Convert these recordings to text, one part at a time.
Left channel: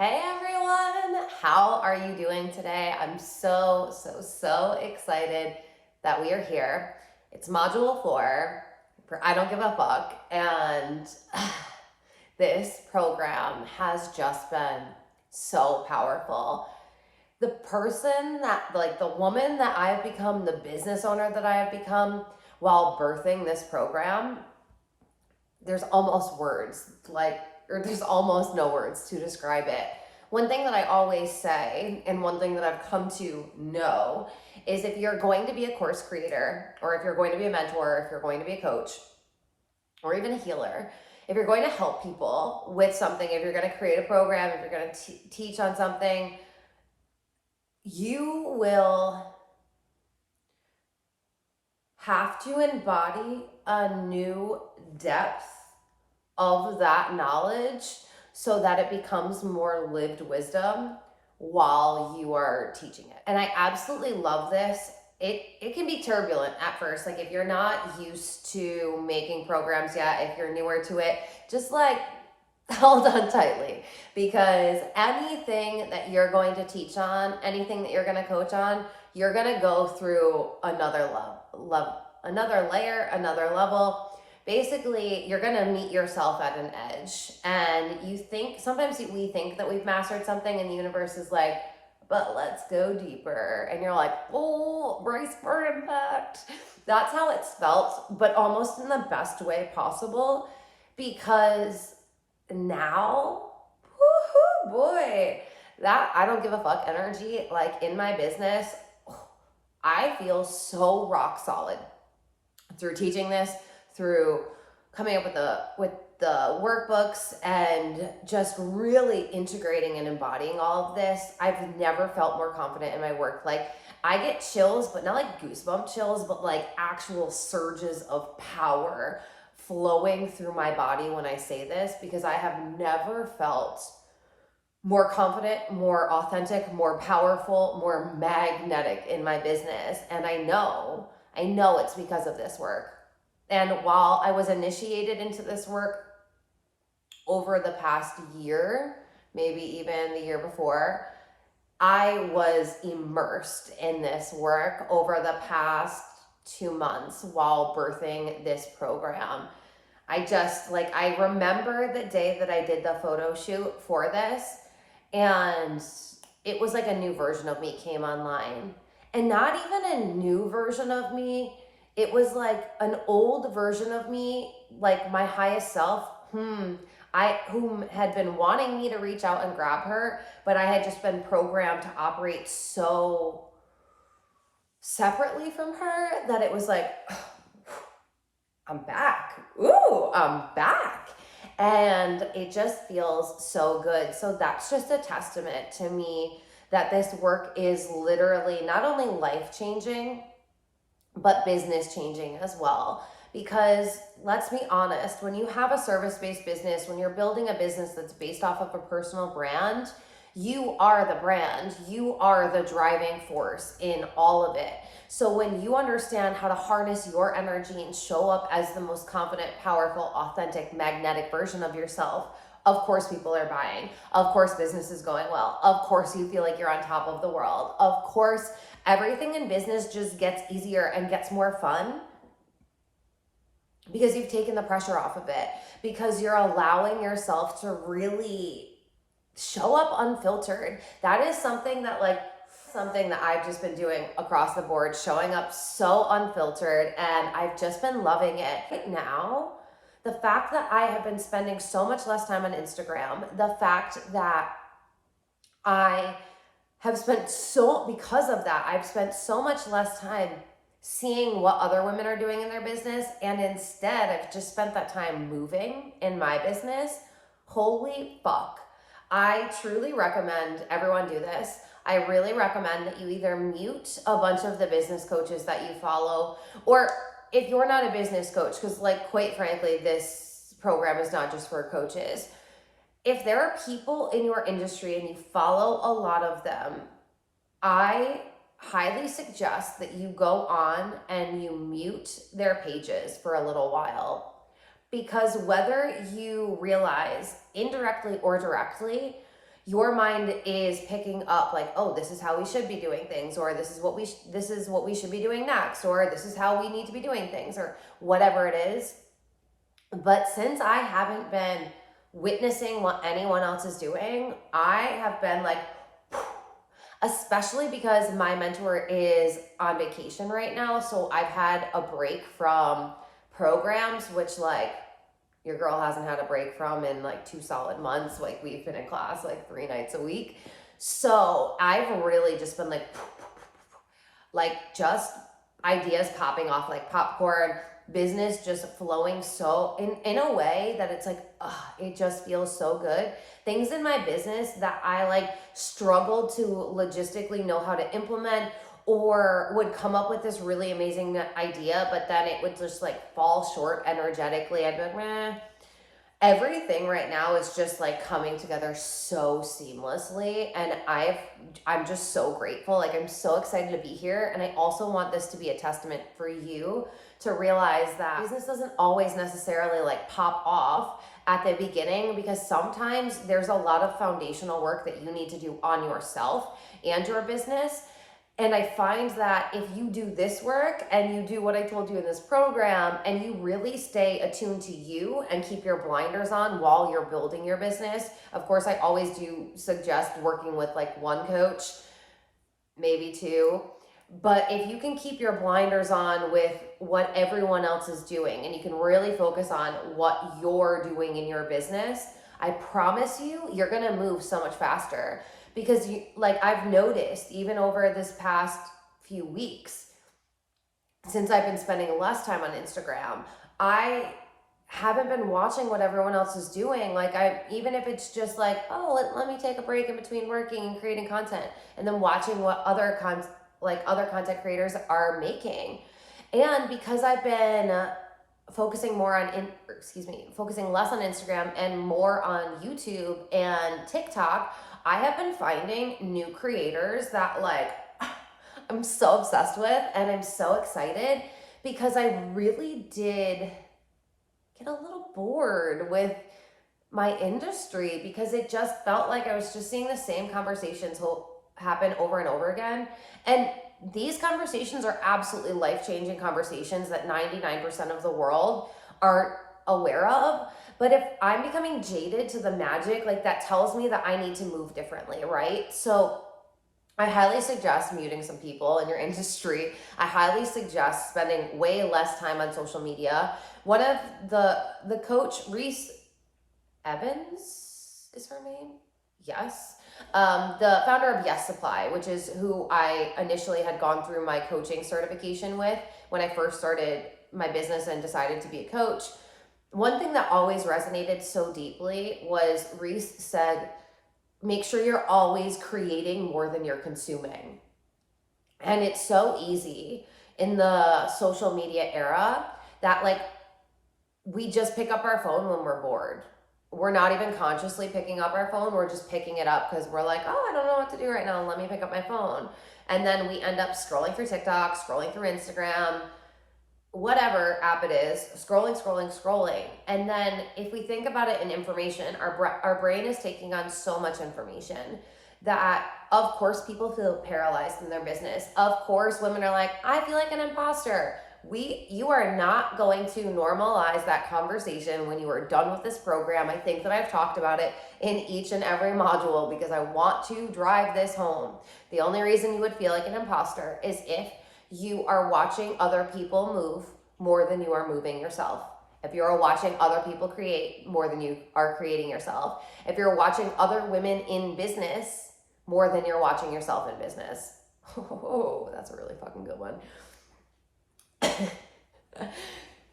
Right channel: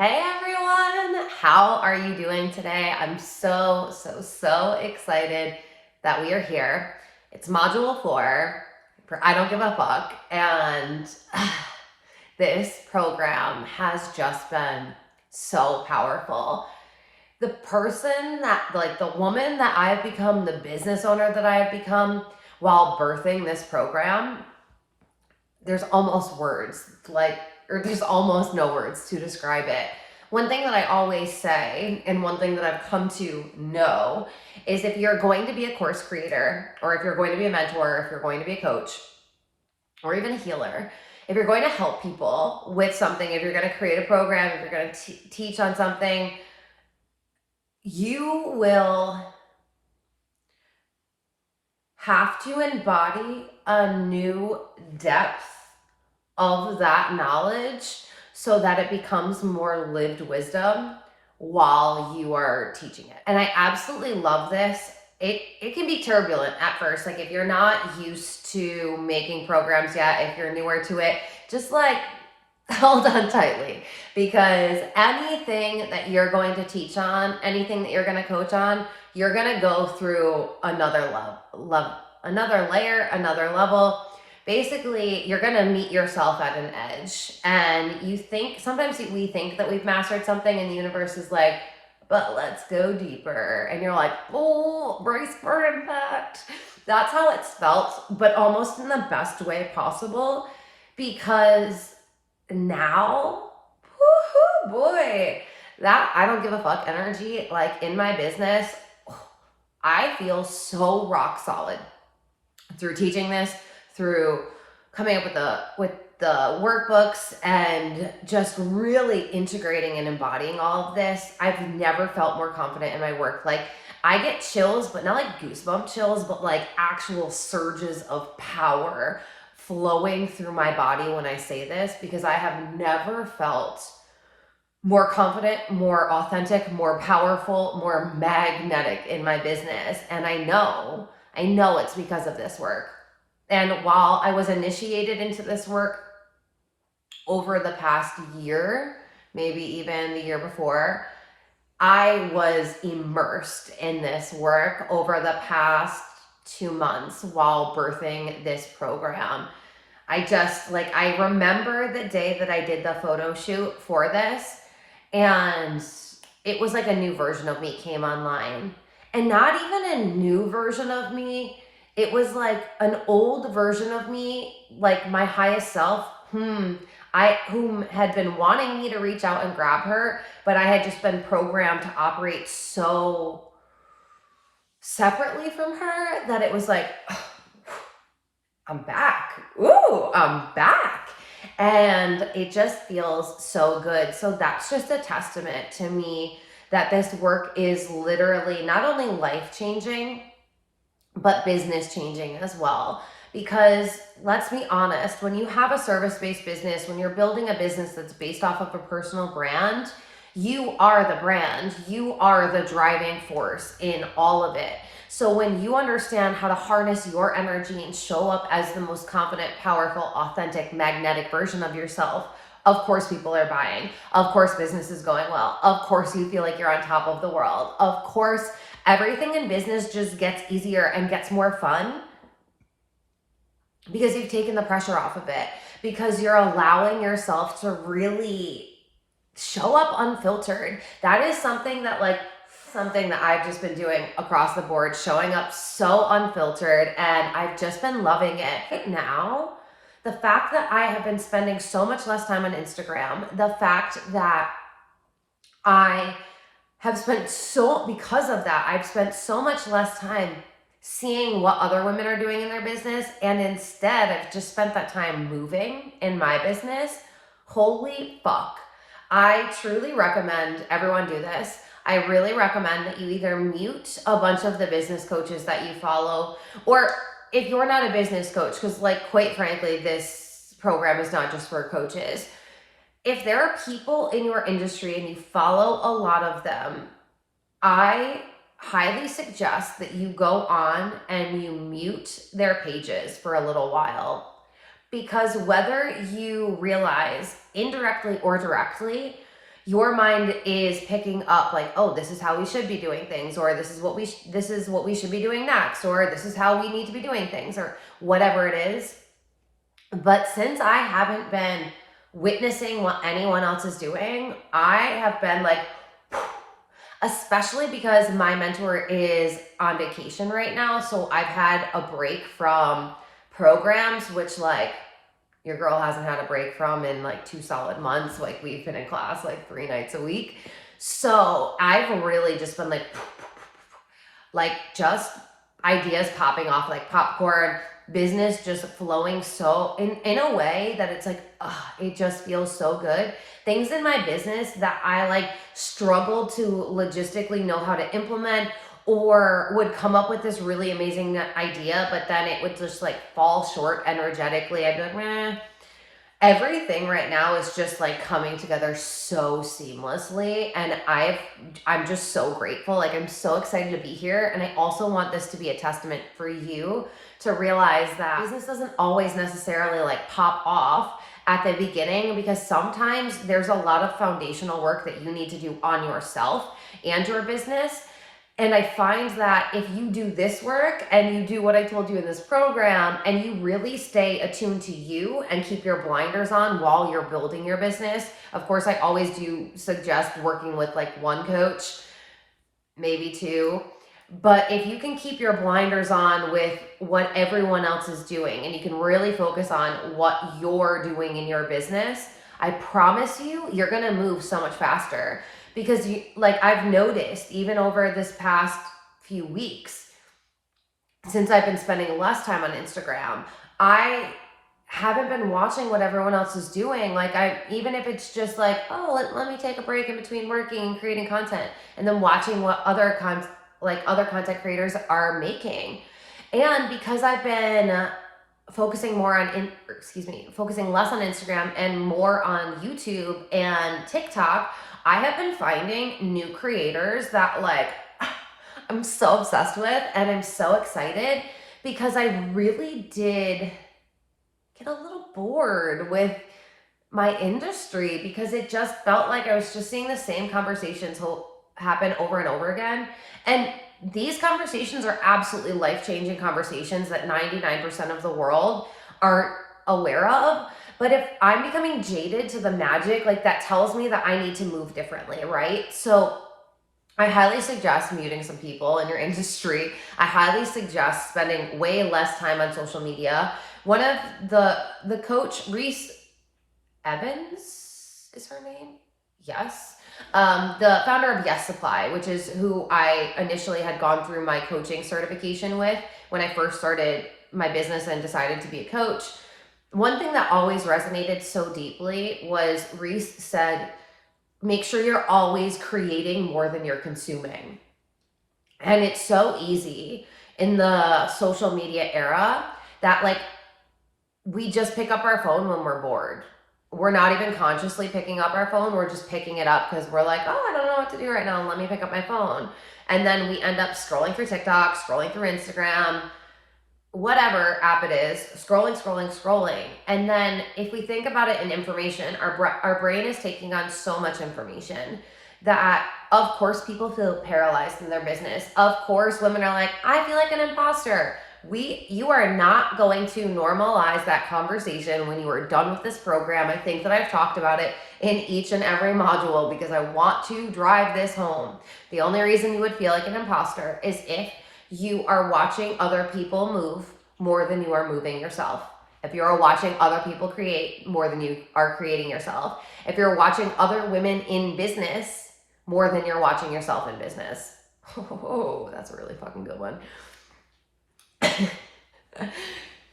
Hey everyone, how are you doing today? I'm so excited that we are here. It's module 4 for I Don't Give a Fuck, and this program has just been so powerful. The person that, like, the woman that I've become, the business owner that I have become while birthing this program, there's almost words, or there's almost no words to describe it. One thing that I always say, and one thing that I've come to know, is if you're going to be a course creator, or if you're going to be a mentor, if you're going to be a coach, or even a healer, if you're going to help people with something, if you're going to create a program, if you're going to teach on something, you will have to embody a new depth of that knowledge so that it becomes more lived wisdom while you are teaching it. And I absolutely love this. It can be turbulent at first. Like, if you're not used to making programs yet, if you're newer to it, just like hold on tightly, because anything that you're going to teach on, anything that you're going to coach on, you're going to go through another another layer, another level. Basically, you're going to meet yourself at an edge, and sometimes we think that we've mastered something, and the universe is like, but let's go deeper. And you're like, oh, brace for impact. That's how it's felt, but almost in the best way possible, because now, woohoo, boy, that I don't give a fuck energy, like, in my business, I feel so rock solid through teaching this, through coming up with the workbooks, and just really integrating and embodying all of this. I've never felt more confident in my work. Like, I get chills, but not like goosebump chills, but like actual surges of power flowing through my body when I say this, because I have never felt more confident, more authentic, more powerful, more magnetic in my business. And I know it's because of this work. And while I was initiated into this work over the past year, maybe even the year before, I was immersed in this work over the past 2 months while birthing this program. I remember the day that I did the photo shoot for this, and it was like a new version of me came online. And not even a new version of me, it was like an old version of me, like my highest self, whom had been wanting me to reach out and grab her, but I had just been programmed to operate so separately from her that it was like, I'm back. Ooh, I'm back. And it just feels so good. So that's just a testament to me that this work is literally not only life-changing, but business-changing as well. Because let's be honest, when you have a service-based business, when you're building a business that's based off of a personal brand, you are the brand. You are the driving force in all of it. So when you understand how to harness your energy and show up as the most confident, powerful, authentic, magnetic version of yourself, of course people are buying. Of course business is going well. Of course you feel like you're on top of the world. Of course everything in business just gets easier and gets more fun, because you've taken the pressure off of it, because you're allowing yourself to really show up unfiltered. That is something that I've just been doing across the board, showing up so unfiltered, and I've just been loving it. Right now, the fact that I have been spending so much less time on Instagram, the fact that I have spent because of that, I've spent so much less time seeing what other women are doing in their business, and instead I've just spent that time moving in my business. Holy fuck. I truly recommend everyone do this. I really recommend that you either mute a bunch of the business coaches that you follow, or if you're not a business coach, because, like, quite frankly, this program is not just for coaches. If there are people in your industry and you follow a lot of them, I highly suggest that you go on and you mute their pages for a little while. Because whether you realize indirectly or directly, your mind is picking up like, oh, this is how we should be doing things, or this is what we should be doing next, or this is how we need to be doing things, or whatever it is. But since I haven't been witnessing what anyone else is doing, I have been like, especially because my mentor is on vacation right now. So I've had a break from programs, which like your girl hasn't had a break from in like 2 solid months. Like we've been in class like 3 nights a week. So I've really just been like just ideas popping off like popcorn, business just flowing so in a way that it's like, it just feels so good. Things in my business that I like struggle to logistically know how to implement, or would come up with this really amazing idea, but then it would just like fall short energetically. I'd be like, meh. Everything right now is just like coming together so seamlessly, and I'm just so grateful. Like I'm so excited to be here, and I also want this to be a testament for you to realize that business doesn't always necessarily like pop off at the beginning, because sometimes there's a lot of foundational work that you need to do on yourself and your business. And I find that if you do this work and you do what I told you in this program, and you really stay attuned to you and keep your blinders on while you're building your business. Of course, I always do suggest working with like one coach, maybe 2. But if you can keep your blinders on with what everyone else is doing, and you can really focus on what you're doing in your business, I promise you, you're going to move so much faster. Because like I've noticed even over this past few weeks, since I've been spending less time on Instagram, I haven't been watching what everyone else is doing. Like even if it's just like, oh, let me take a break in between working and creating content, and then watching what other content creators are making. And because I've been focusing less on Instagram and more on YouTube and TikTok, I have been finding new creators that like I'm so obsessed with, and I'm so excited because I really did get a little bored with my industry, because it just felt like I was just seeing the same conversations happen over and over again. And these conversations are absolutely life-changing conversations that 99% of the world aren't aware of. But if I'm becoming jaded to the magic, like that tells me that I need to move differently, right? So I highly suggest muting some people in your industry. I highly suggest spending way less time on social media. One of the coach, Reese Evans is her name? Yes. The founder of Yes Supply, which is who I initially had gone through my coaching certification with when I first started my business and decided to be a coach. One thing that always resonated so deeply was Reese said, make sure you're always creating more than you're consuming. And it's so easy in the social media era that like we just pick up our phone when we're bored. We're not even consciously picking up our phone. We're just picking it up because we're like, oh, I don't know what to do right now. Let me pick up my phone. And then we end up scrolling through TikTok, scrolling through Instagram, whatever app it is, scrolling. And then if we think about it in information, our brain is taking on so much information that, of course, people feel paralyzed in their business. Of course, women are like, I feel like an imposter. You are not going to normalize that conversation when you are done with this program. I think that I've talked about it in each and every module because I want to drive this home. The only reason you would feel like an imposter is if you are watching other people move more than you are moving yourself. If you're watching other people create more than you are creating yourself. If you're watching other women in business more than you're watching yourself in business. Oh, that's a really fucking good one.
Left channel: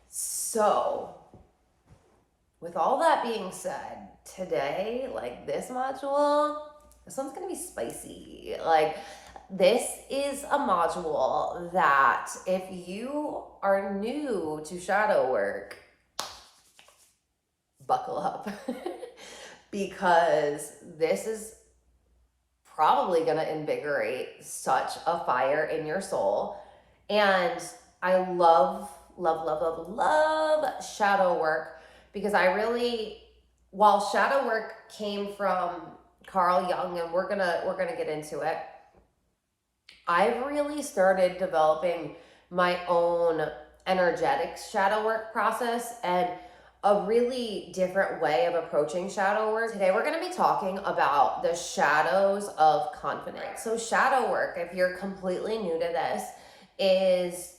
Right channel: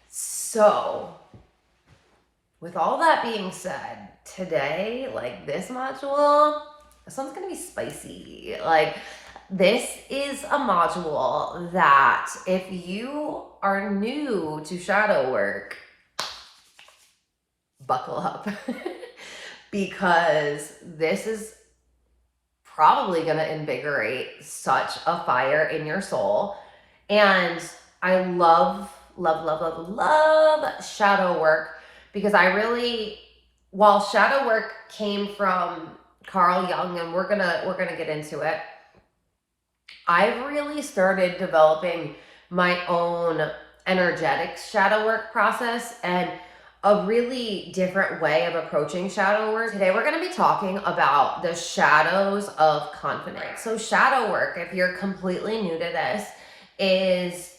So, with all that being said, today, like this module, this one's gonna be spicy. Like, this is a module that if you are new to shadow work, buckle up because this is probably going to invigorate such a fire in your soul. And I love shadow work because while shadow work came from Carl Jung, and we're gonna get into it. I've really started developing my own energetic shadow work process and a really different way of approaching shadow work. Today we're going to be talking about the shadows of confidence. So shadow work, if you're completely new to this, is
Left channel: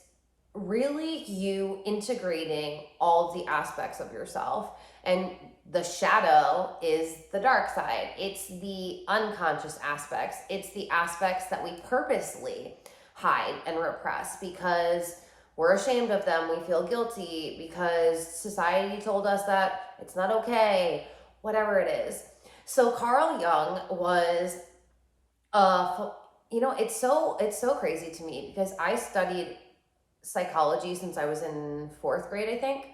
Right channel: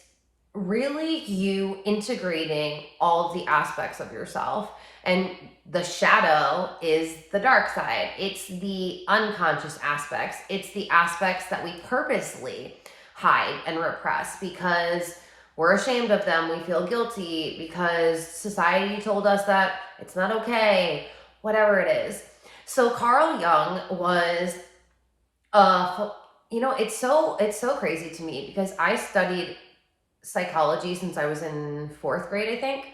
really you integrating all of the aspects of yourself. And the shadow is the dark side. It's the unconscious aspects. It's the aspects that we purposely hide and repress because we're ashamed of them. We feel guilty because society told us that it's not okay, whatever it is. So Carl Jung was, it's so crazy to me because I studied psychology since I was in 4th grade, I think,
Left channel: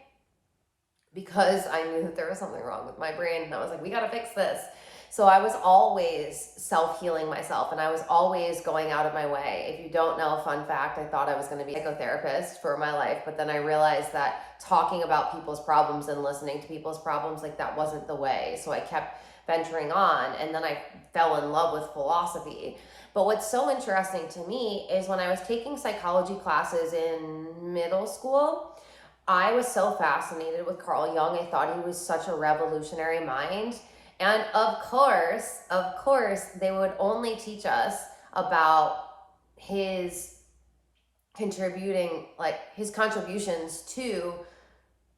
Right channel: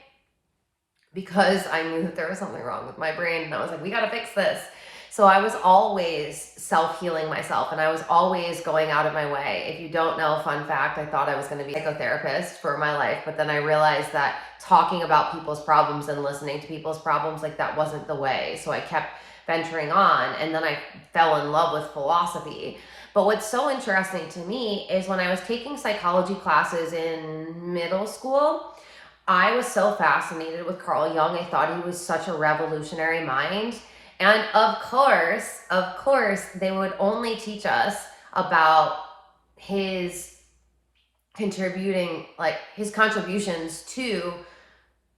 because I knew that there was something wrong with my brain, and I was like, we got to fix this. So I was always self-healing myself, and I was always going out of my way. If you don't know, fun fact, I thought I was going to be a psychotherapist for my life, but then I realized that talking about people's problems and listening to people's problems, like, that wasn't the way. So I kept venturing on, and then I fell in love with philosophy. But what's so interesting to me is when I was taking psychology classes in middle school, I was so fascinated with Carl Jung. I thought he was such a revolutionary mind. And of course, they would only teach us about his his contributions to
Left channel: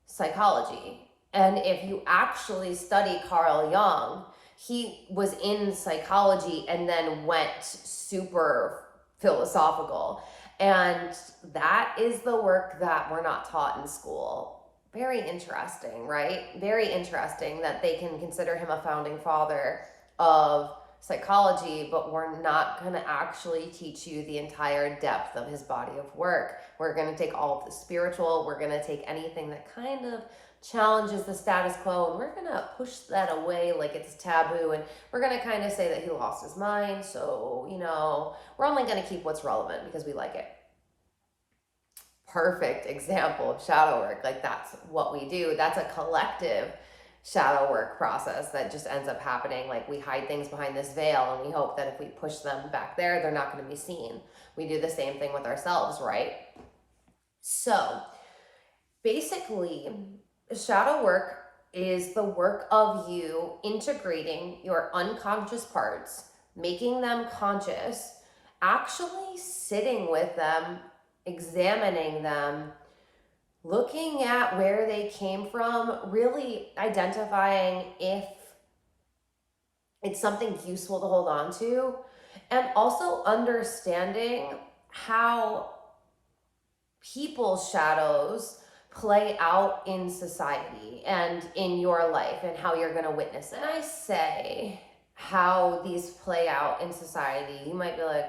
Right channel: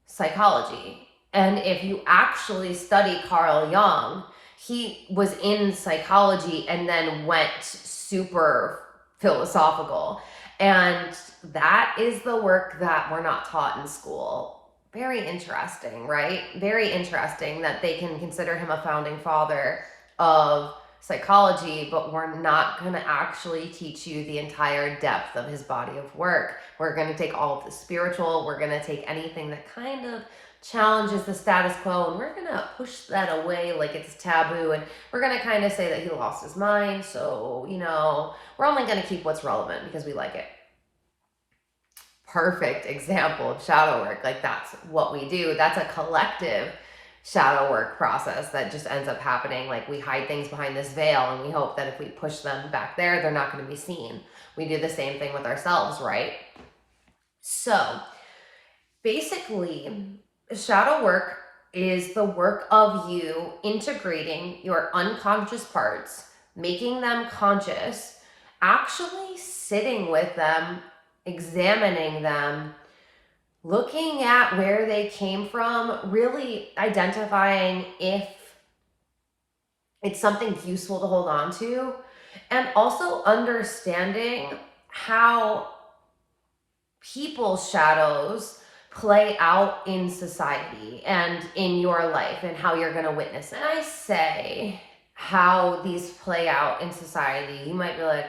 psychology. And if you actually study Carl Jung, he was in psychology and then went super philosophical. And that is the work that we're not taught in school. Very interesting, right? Very interesting that they can consider him a founding father of psychology, but we're not going to actually teach you the entire depth of his body of work. We're going to take all of the spiritual, we're going to take anything that kind of challenges the status quo, and we're going to push that away like it's taboo, and we're going to kind of say that he lost his mind, so, we're only going to keep what's relevant because we like it. Perfect example of shadow work. Like, that's what we do. That's a collective shadow work process that just ends up happening. Like, we hide things behind this veil and we hope that if we push them back there, they're not going to be seen. We do the same thing with ourselves, right? So basically, shadow work is the work of you integrating your unconscious parts, making them conscious, actually sitting with them, examining them, looking at where they came from, really identifying if it's something useful to hold on to, and also understanding how people's shadows play out in society and in your life and how you're going to witness it. When I say how these play out in society, you might be like,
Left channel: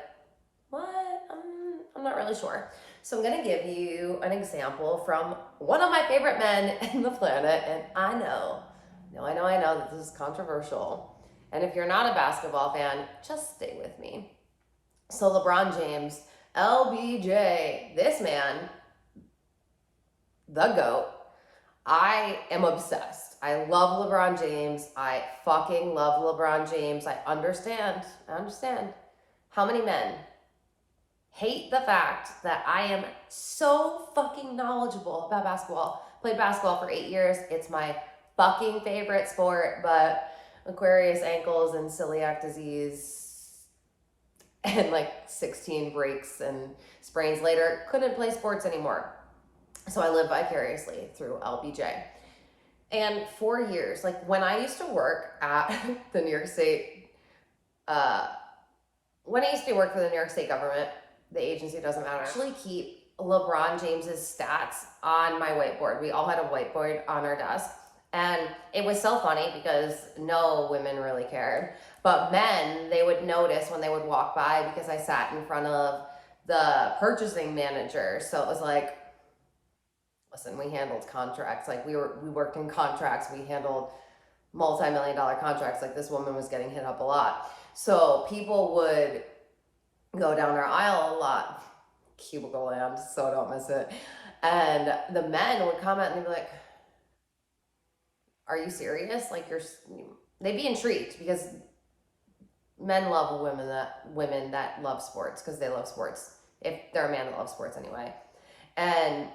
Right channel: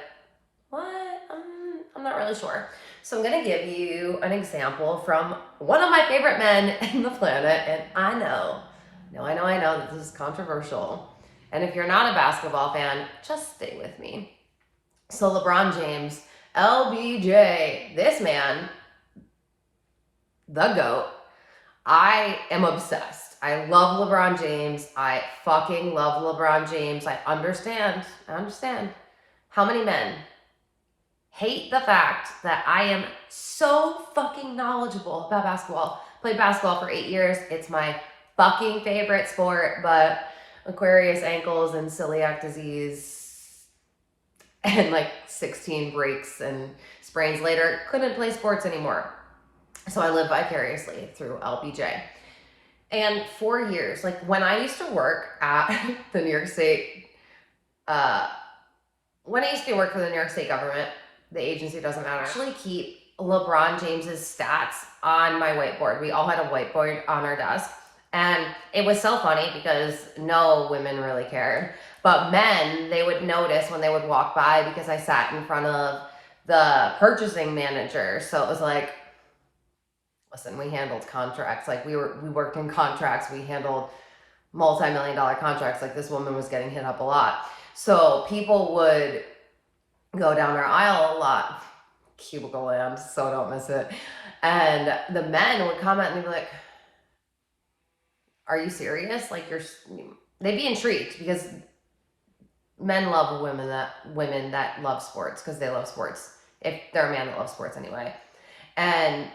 what? I'm not really sure. So I'm going to give you an example from one of my favorite men in the planet. And I know that this is controversial. And if you're not a basketball fan, just stay with me. So LeBron James, LBJ, this man, the GOAT. I am obsessed. I love LeBron James. I fucking love LeBron James. I understand how many men hate the fact that I am so fucking knowledgeable about basketball. Played basketball for 8 years. It's my fucking favorite sport, but Aquarius ankles and celiac disease and like 16 breaks and sprains later, couldn't play sports anymore. So I live vicariously through LBJ. And 4 years, like when I used to work at the New York State, when I used to work for the New York State government, the agency doesn't matter, I actually keep LeBron James's stats on my whiteboard. We all had a whiteboard on our desk. And it was so funny because no women really cared. But men, they would notice when they would walk by because I sat in front of the purchasing manager. So it was like, listen, we handled contracts. Like we worked in contracts. We handled multi-million-dollar contracts. Like this woman was getting hit up a lot. So people would go down our aisle a lot. Cubicle land, so don't miss it. And the men would comment and they'd be like, are you serious? Like they'd be intrigued because men love women that love sports because they love sports. If they're a man that loves sports anyway. And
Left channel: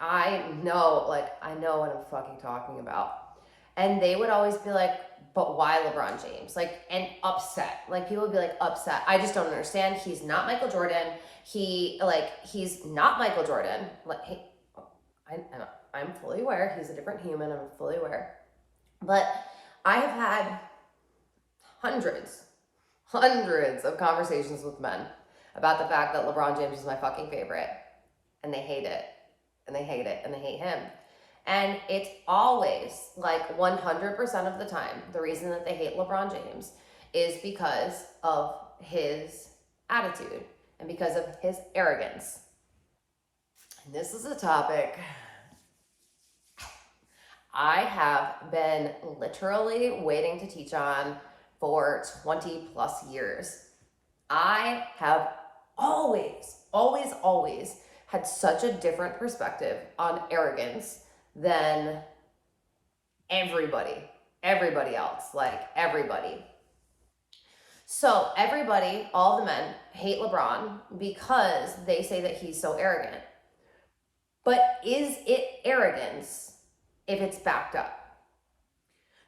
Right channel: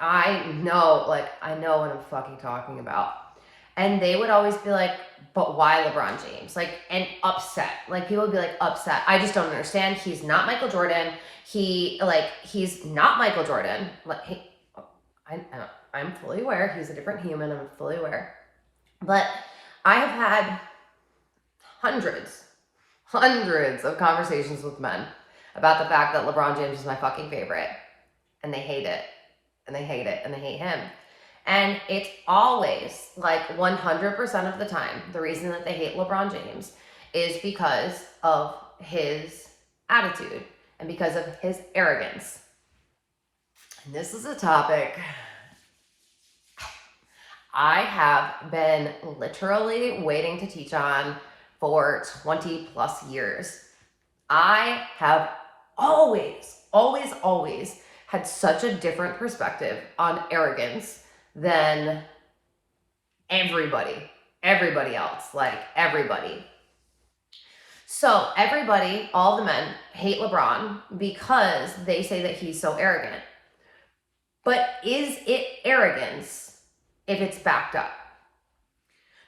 I know what I'm fucking talking about. And they would always be like, but why LeBron James? Like, and upset. Like, people would be like, upset. I just don't understand. He's not Michael Jordan. He's not Michael Jordan. Like, I'm fully aware. He's a different human. I'm fully aware. But I have had hundreds of conversations with men about the fact that LeBron James is my fucking favorite. And they hate it. And they hate it. And they hate him. And it's always, like 100% of the time, the reason that they hate LeBron James is because of his attitude and because of his arrogance. And this is a topic I have been literally waiting to teach on for 20 plus years. I have always had such a different perspective on arrogance than everybody else, like everybody. So everybody, all the men, hate LeBron because they say that he's so arrogant. But is it arrogance if it's backed up?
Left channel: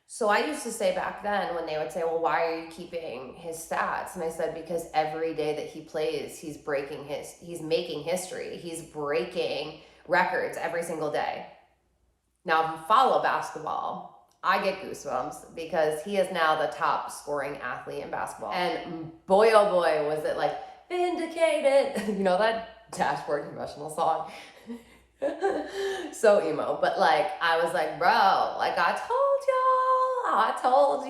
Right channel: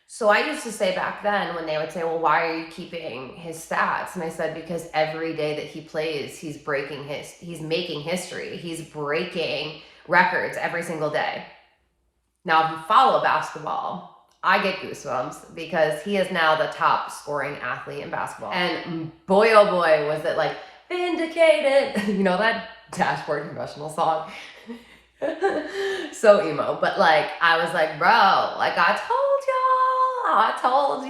So I used to say back then when they would say, well, why are you keeping his stats? And I said, because every day that he plays, he's making history. He's breaking records every single day. Now, if you follow basketball, I get goosebumps because he is now the top scoring athlete in basketball. And boy, oh boy, was it like vindicated. You know that Dashboard Confessional song? So emo. But like, I was like, bro, like I told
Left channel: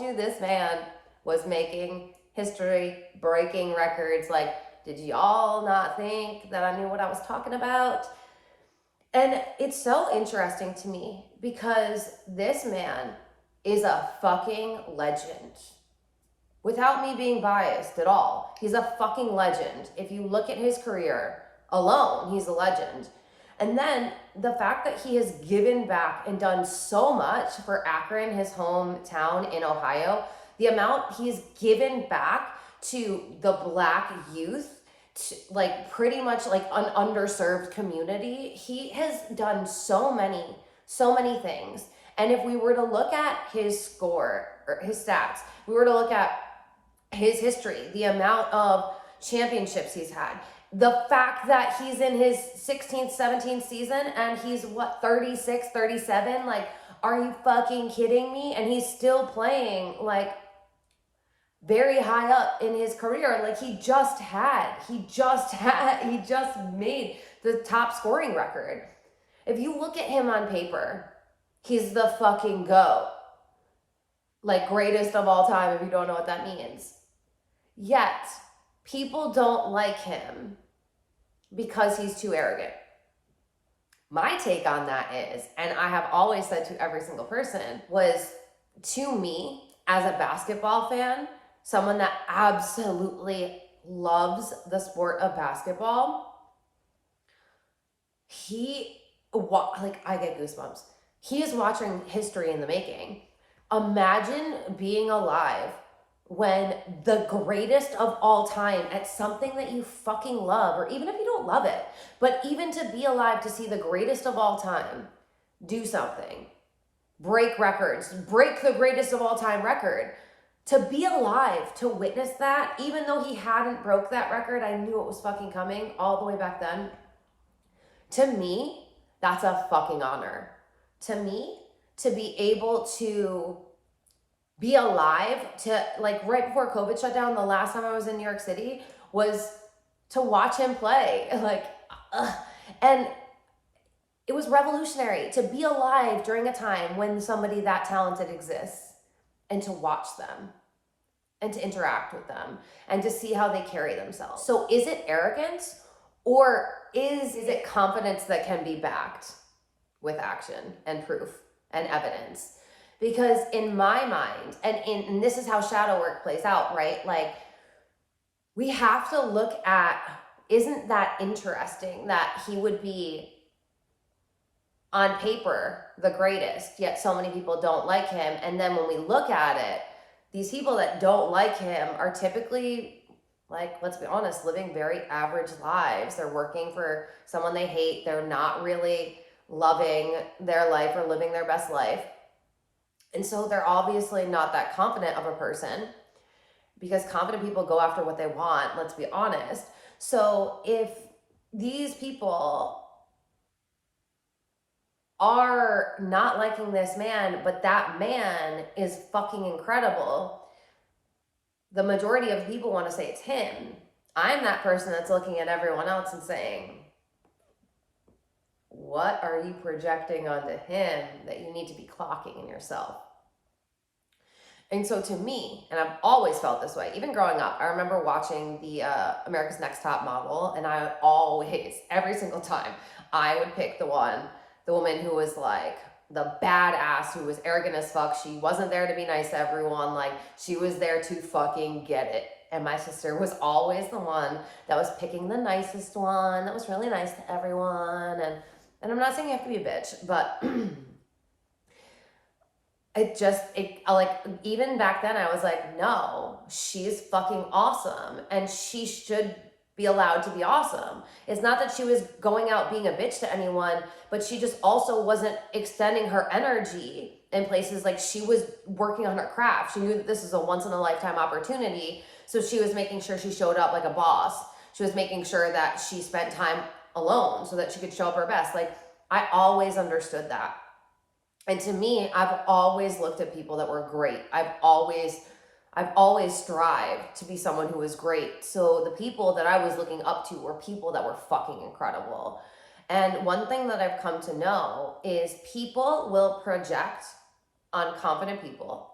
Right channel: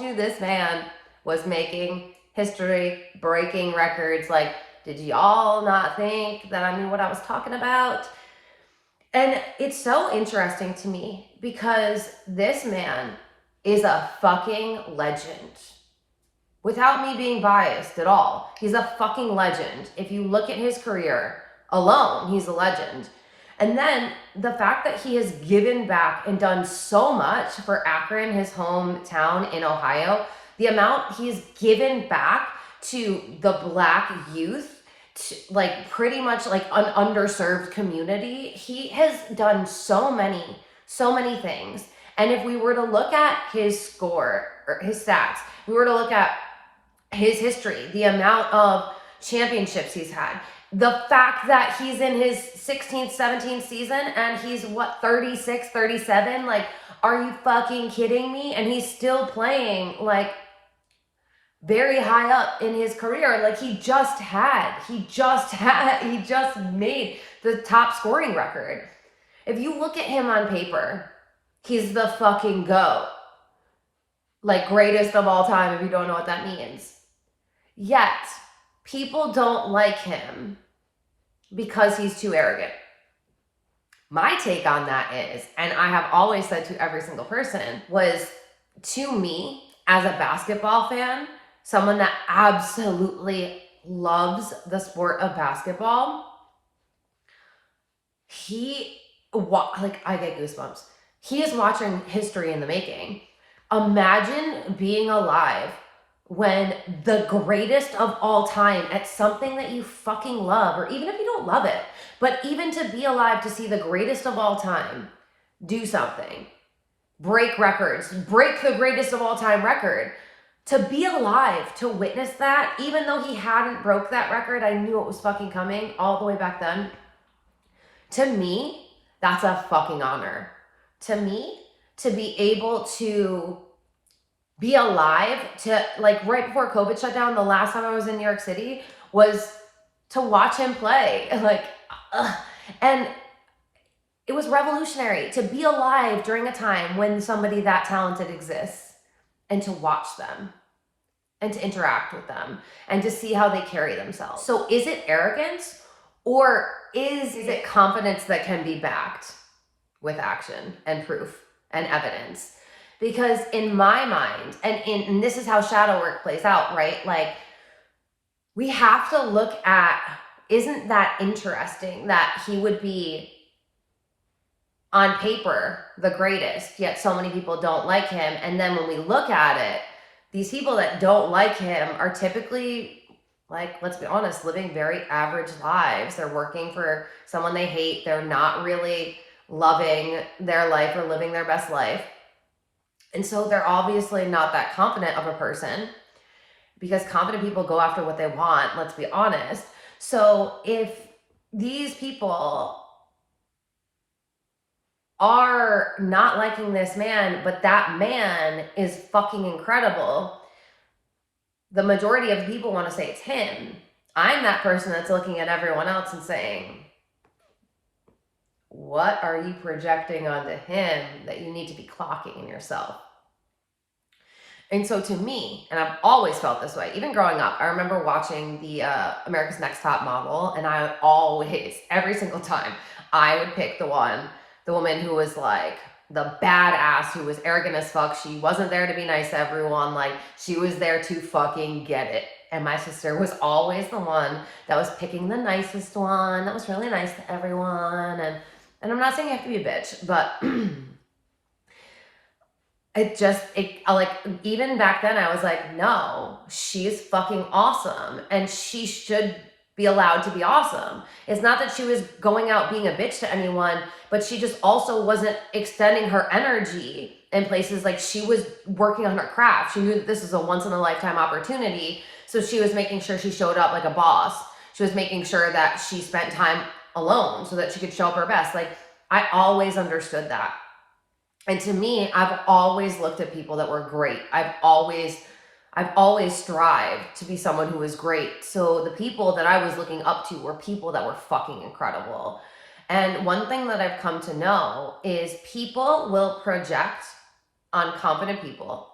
you this man was making history, breaking records. Like, did y'all not think that I knew what I was talking about? And it's so interesting to me because this man is a fucking legend. Without me being biased at all, he's a fucking legend. If you look at his career alone, he's a legend. And then the fact that he has given back and done so much for Akron, his hometown in Ohio, the amount he's given back to the Black youth, like pretty much like an underserved community. He has done so many things. And if we were to look at his score or his stats, we were to look at his history, the amount of championships he's had, the fact that he's in his 16th, 17th season and he's 36, 37, like, are you fucking kidding me? And he's still playing like very high up in his career. Like he just made the top scoring record. If you look at him on paper, he's the fucking GOAT. Like greatest of all time, if you don't know what that means. Yet, people don't like him because he's too arrogant. My take on that is, and I have always said to every single person, was to me, as a basketball fan, someone that absolutely loves the sport of basketball, I get goosebumps. He is watching history in the making. Imagine being alive when the greatest of all time at something that you fucking love, or even if you don't love it, but even to be alive to see the greatest of all time do something, break records, break the greatest of all time record. To be alive, to witness that, even though he hadn't broke that record, I knew it was fucking coming all the way back then. To me, that's a fucking honor. To me, to be able to be alive, to like right before COVID shut down, the last time I was in New York City was to watch him play. And it was revolutionary to be alive during a time when somebody that talented exists and to watch them and to interact with them and to see how they carry themselves. So is it arrogance or is it confidence that can be backed with action and proof and evidence? Because in my mind, and this is how shadow work plays out, right? Like, we have to look at, isn't that interesting that he would be on paper the greatest, yet so many people don't like him. And then when we look at it, these people that don't like him are typically, like, let's be honest, living very average lives. They're working for someone they hate. They're not really loving their life or living their best life. And so they're obviously not that confident of a person, because confident people go after what they want, let's be honest. So if these people are not liking this man, but that man is fucking incredible, the majority of people want to say it's him. I'm that person that's looking at everyone else and saying, what are you projecting onto him that you need to be clocking in yourself? And so to me, and I've always felt this way, even growing up, I remember watching the America's Next Top Model, and I would always, every single time, I would pick the woman who was like the badass, who was arrogant as fuck. She wasn't there to be nice to everyone. Like, she was there to fucking get it. And my sister was always the one that was picking the nicest one, that was really nice to everyone. And I'm not saying you have to be a bitch, but like, even back then I was like, no, she's fucking awesome and she should be allowed to be awesome. It's not that she was going out being a bitch to anyone, but she just also wasn't extending her energy in places. Like, she was working on her craft. She knew that this was a once in a lifetime opportunity. So she was making sure she showed up like a boss. She was making sure that she spent time alone so that she could show up her best. Like, I always understood that. And to me, I've always looked at people that were great. I've always strived to be someone who was great. So the people that I was looking up to were people that were fucking incredible. And one thing that I've come to know is people will project on confident people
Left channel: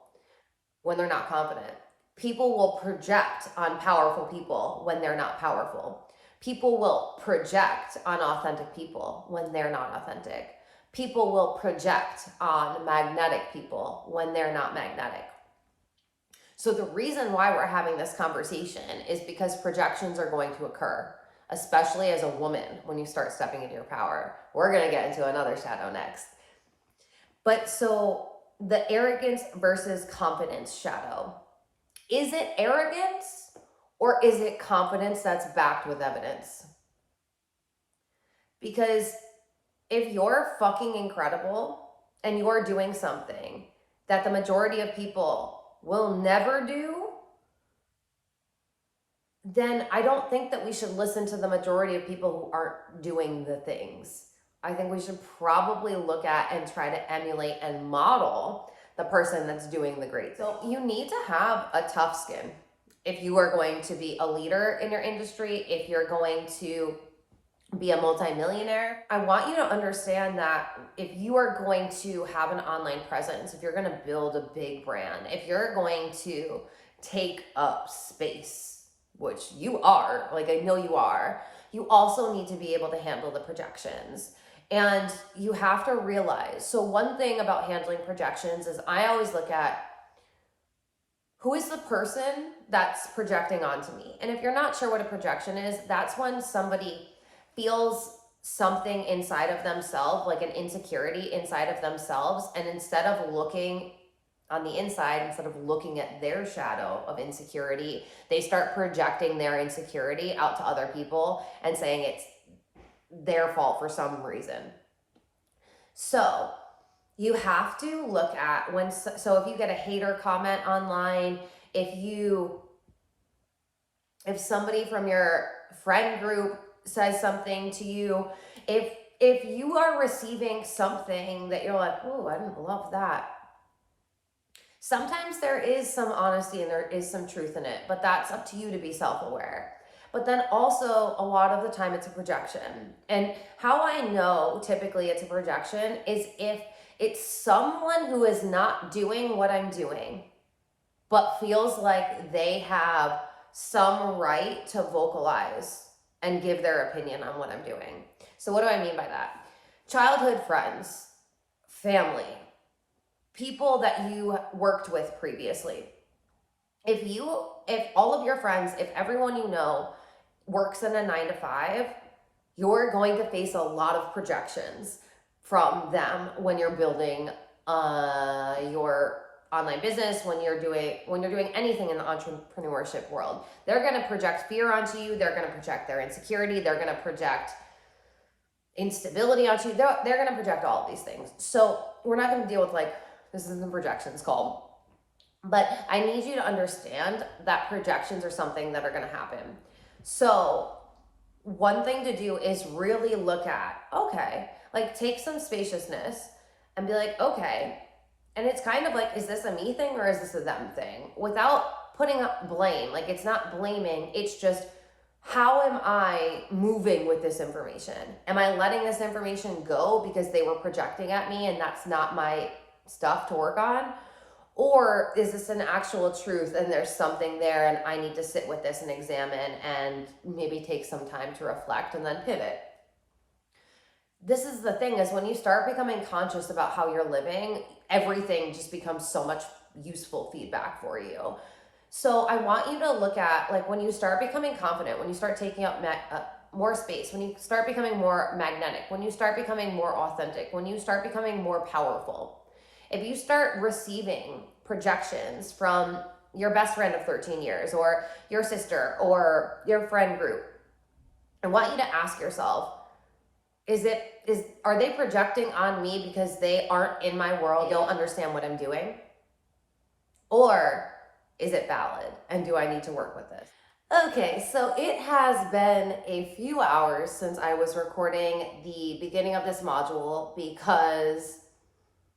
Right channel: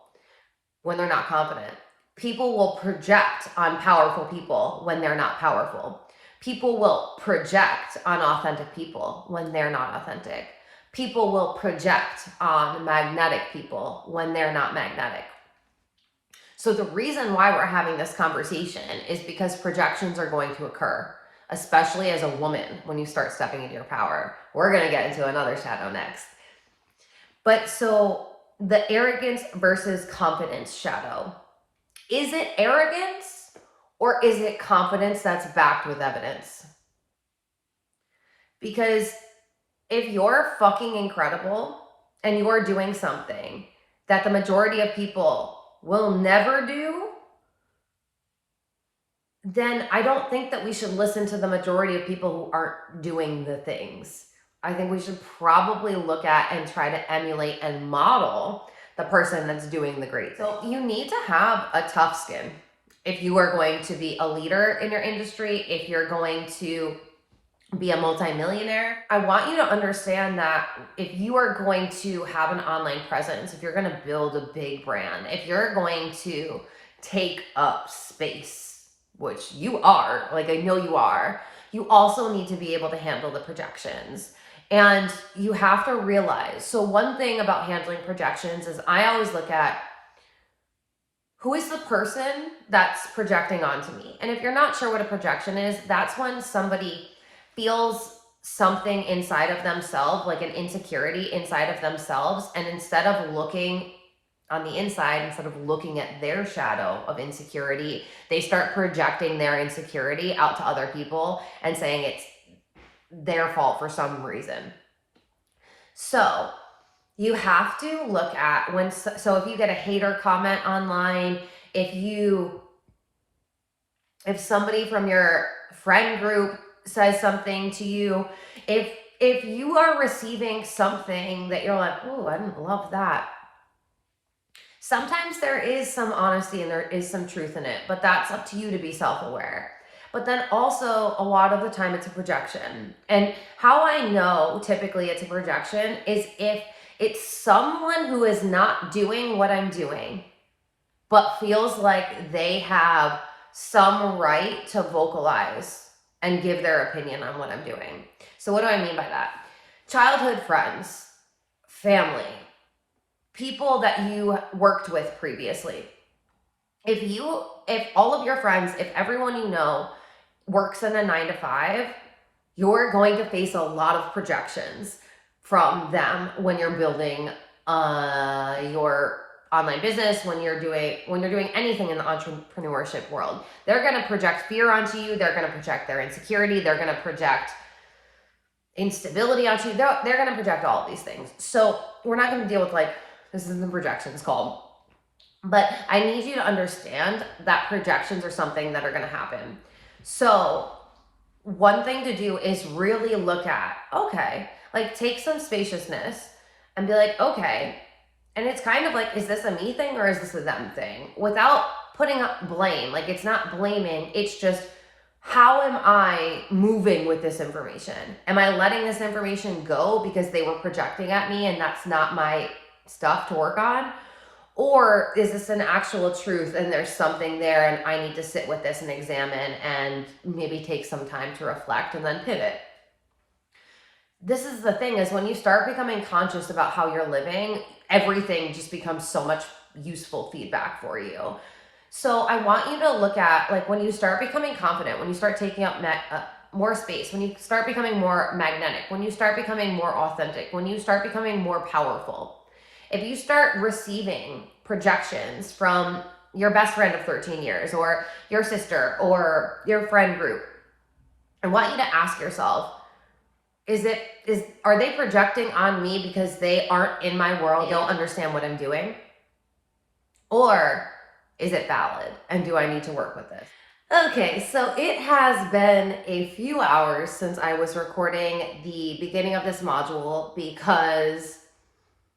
when they're not confident. People will project on powerful people when they're not powerful. People will project on authentic people when they're not authentic. People will project on magnetic people when they're not magnetic. So the reason why we're having this conversation is because projections are going to occur, especially as a woman when you start stepping into your power. We're going to get into another shadow next. But so the arrogance versus confidence shadow. Is it arrogance or is it confidence that's backed with evidence? Because if you're fucking incredible and you're doing something that the majority of people will never do, then I don't think that we should listen to the majority of people who aren't doing the things. I think we should probably look at and try to emulate and model the person that's doing the great thing. So you need to have a tough skin if you are going to be a leader in your industry, if you're going to be a multimillionaire. I want you to understand that if you are going to have an online presence, if you're going to build a big brand, if you're going to take up space, which you are, like I know you are, you also need to be able to handle the projections. And you have to realize, so one thing about handling projections is I always look at who is the person that's projecting onto me. And if you're not sure what a projection is, that's when somebody feels something inside of themselves, like an insecurity inside of themselves, and instead of looking on the inside, instead of looking at their shadow of insecurity, they start projecting their insecurity out to other people and saying it's their fault for some reason. So you have to look at so if you get a hater comment online, if somebody from your friend group says something to you, if you are receiving something that you're like, oh, I didn't love that. Sometimes there is some honesty and there is some truth in it, but that's up to you to be self-aware. But then also a lot of the time it's a projection. And how I know typically it's a projection is if it's someone who is not doing what I'm doing, but feels like they have some right to vocalize and give their opinion on what I'm doing. So what do I mean by that? Childhood friends, family, people that you worked with previously. If all of your friends, if everyone you know works in a 9-to-5, you're going to face a lot of projections from them when you're building your online business, when you're doing anything in the entrepreneurship world. They're going to project fear onto you. They're going to project their insecurity. They're going to project instability onto you. They're going to project all of these things. So we're not going to deal with like, this is the projections called. But I need you to understand that projections are something that are going to happen. So one thing to do is really look at, okay, like take some spaciousness and be like, okay, and it's kind of like, is this a me thing or is this a them thing? Without putting up blame. Like, it's not blaming, it's just, how am I moving with this information? Am I letting this information go because they were projecting at me and that's not my stuff to work on? Or is this an actual truth and there's something there and I need to sit with this and examine and maybe take some time to reflect and then pivot? This is the thing, is when you start becoming conscious about how you're living, everything just becomes so much useful feedback for you. So I want you to look at, like, when you start becoming confident, when you start taking up more space, when you start becoming more magnetic, when you start becoming more authentic, when you start becoming more powerful, if you start receiving projections from your best friend of 13 years or your sister or your friend group, I want you to ask yourself, are they projecting on me because they aren't in my world, don't understand what I'm doing? Or is it valid? And do I need to work with this? Okay, so it has been a few hours since I was recording the beginning of this module because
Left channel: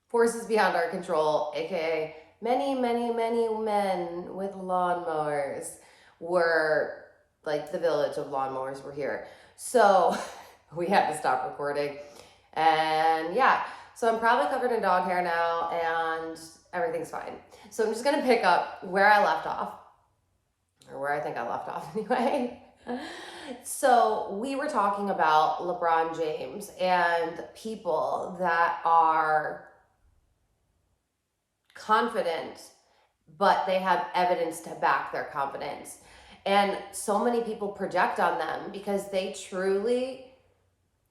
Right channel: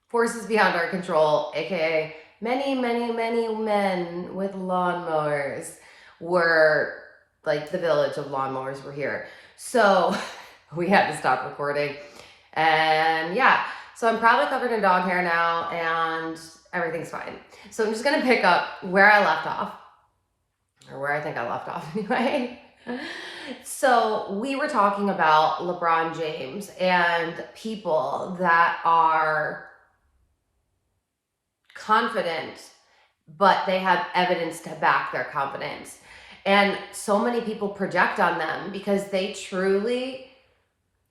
forces beyond our control, aka many men with lawnmowers, were like, the village of lawnmowers were here. So we had to stop recording. And yeah, so I'm probably covered in dog hair now and everything's fine. So I'm just gonna pick up where I left off, or where I think I left off anyway. So we were talking about LeBron James and people that are confident, but they have evidence to back their confidence. And so many people project on them because they truly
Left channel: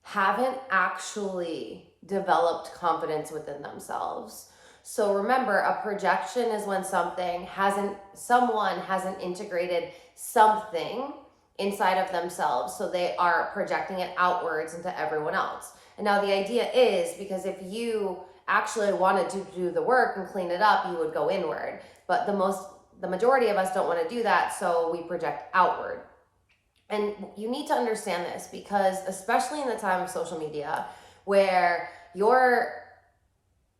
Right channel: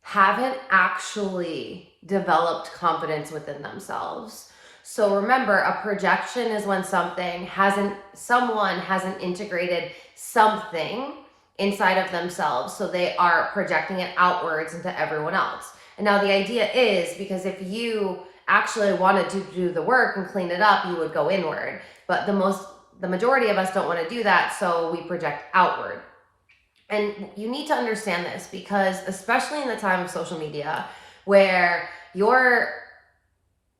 haven't actually developed confidence within themselves. So remember, a projection is when someone hasn't integrated something inside of themselves, so they are projecting it outwards into everyone else. And now the idea is, because if you actually wanted to do the work and clean it up, you would go inward. But the majority of us don't want to do that, so we project outward. And you need to understand this, because especially in the time of social media, where your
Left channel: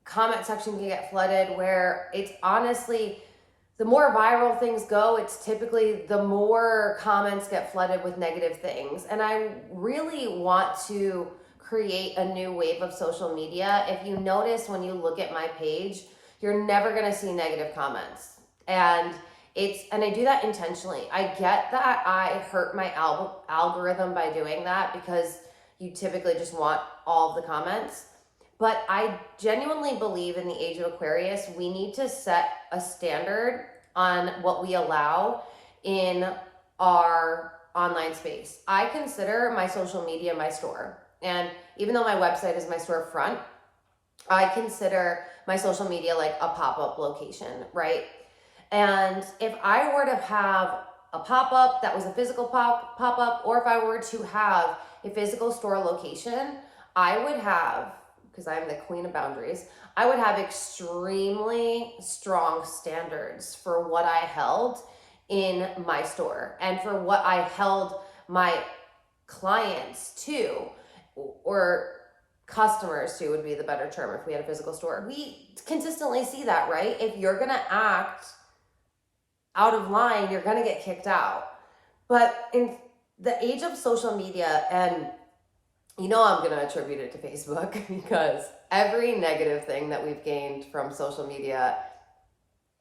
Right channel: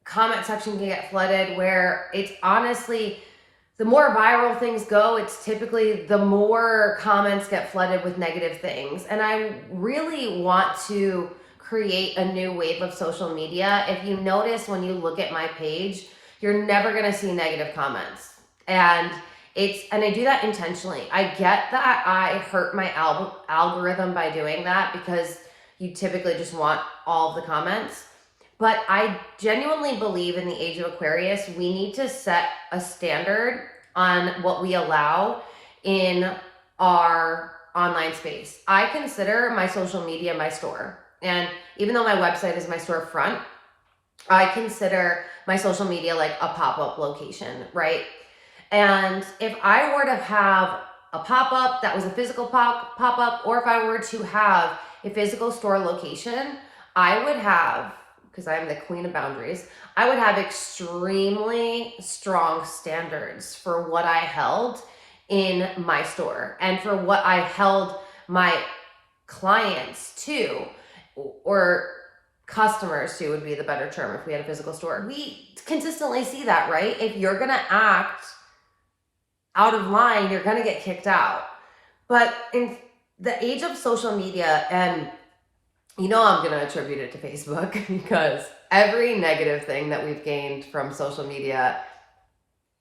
comment section can get flooded, where it's honestly, the more viral things go, it's typically the more comments get flooded with negative things. And I really want to create a new wave of social media. If you notice, when you look at my page, you're never going to see negative comments. And I do that intentionally. I get that I hurt my algorithm by doing that, because you typically just want all of the comments. But I genuinely believe, in the age of Aquarius, we need to set a standard on what we allow in our online space. I consider my social media my store. And even though my website is my storefront, I consider my social media like a pop-up location, right? And if I were to have a pop-up that was a physical pop-up, or if I were to have a physical store location, I would have, because I am the queen of boundaries, I would have extremely strong standards for what I held in my store and for what I held my clients to, or customers to would be the better term if we had a physical store. We consistently see that, right? If you're gonna act out of line, you're gonna get kicked out. But in the age of social media, and I'm gonna attribute it to Facebook, because every negative thing that we've gained from social media,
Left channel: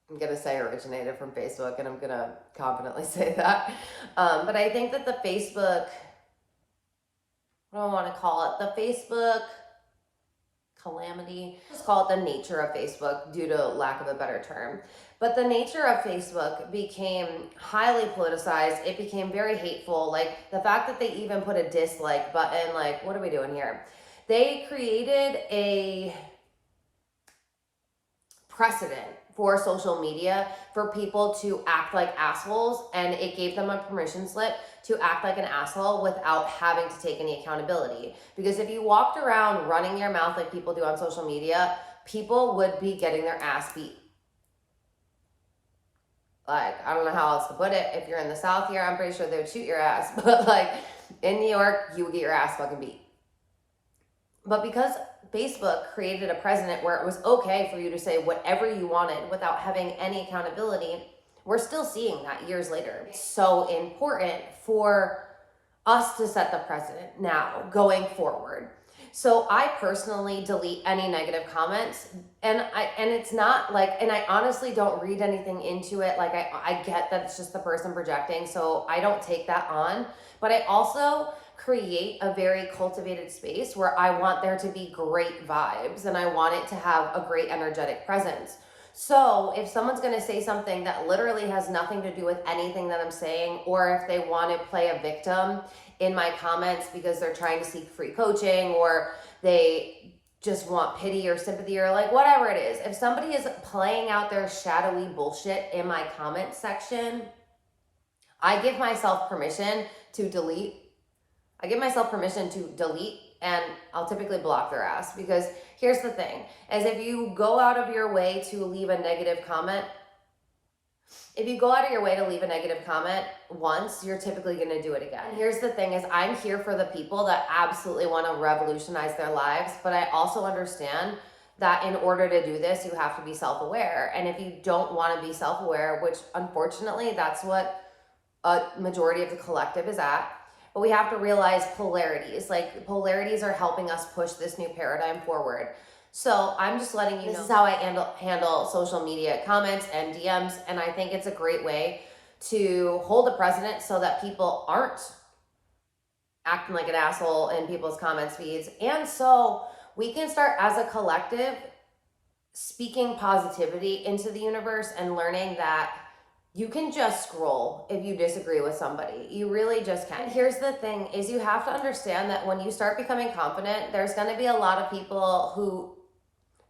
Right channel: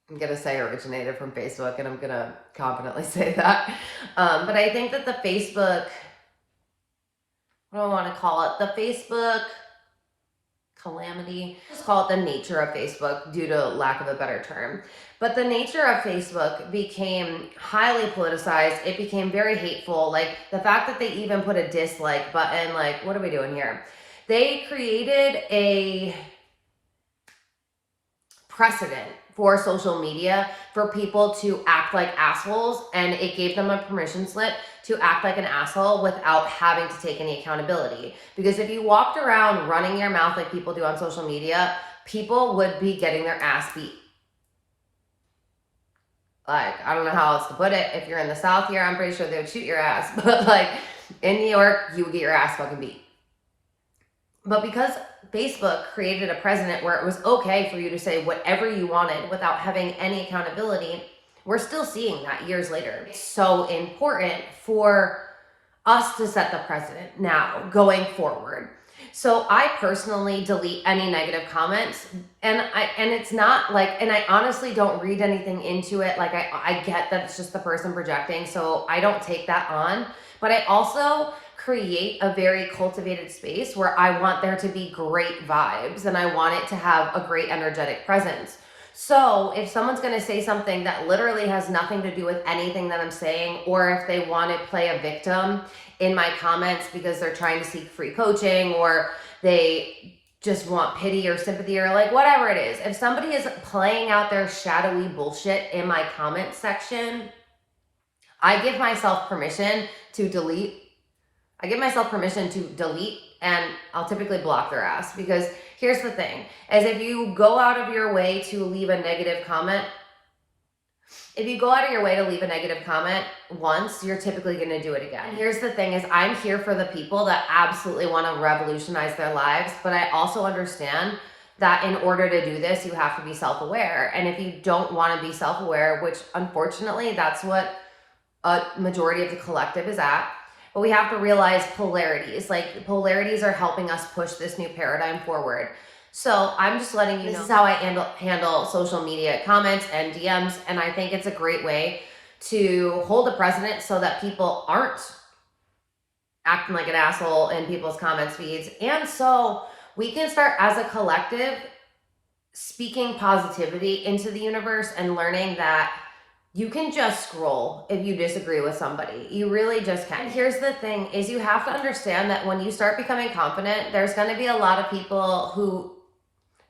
I'm gonna say originated from Facebook, and I'm gonna confidently say that. But I think that the Facebook, what do I want to call it? The Facebook calamity. Just call it the nature of Facebook, due to lack of a better term. But the nature of Facebook became highly politicized. It became very hateful. Like, the fact that they even put a dislike button, like, what are we doing here? They created a precedent for social media for people to act like assholes, and it gave them a permission slip to act like an asshole without having to take any accountability. Because if you walked around running your mouth like people do on social media, people would be getting their ass beat. Like, I don't know how else to put it. If you're in the South here, I'm pretty sure they would shoot your ass. But like in New York, you would get your ass fucking beat. But because Facebook created a precedent where it was okay for you to say whatever you wanted without having any accountability, we're still seeing that years later. It's so important for us to set the precedent now going forward. So I personally delete any negative comments, and it's not like, and I honestly don't read anything into it. Like I get that it's just the person projecting, so I don't take that on. But I also create a very cultivated space where I want there to be great vibes and I want it to have a great energetic presence. So if someone's going to say something that literally has nothing to do with anything that I'm saying, or if they want to play a victim in my comments because they're trying to seek free coaching, or they just want pity or sympathy, or like whatever it is, if somebody is playing out their shadowy bullshit in my comment section, I give myself permission to delete. And I'll typically block their ass, because here's the thing, is if you go out of your way to leave a negative comment, once, you're typically going to do it again. And here's the thing, is I'm here for the people that absolutely want to revolutionize their lives, but I also understand that in order to do this, you have to be self-aware. And if you don't want to be self-aware, which unfortunately that's what a majority of the collective is at, but we have to realize polarities. Like, polarities are helping us push this new paradigm forward. So I'm just letting you know, this is how I handle social media comments and DMs, and I think it's a great way to hold the precedent so that people aren't acting like an asshole in people's comments feeds. And so we can start as a collective speaking positivity into the universe and learning that you can just scroll if you disagree with somebody. You really just can. And here's the thing, is you have to understand that when you start becoming confident, there's going to be a lot of people who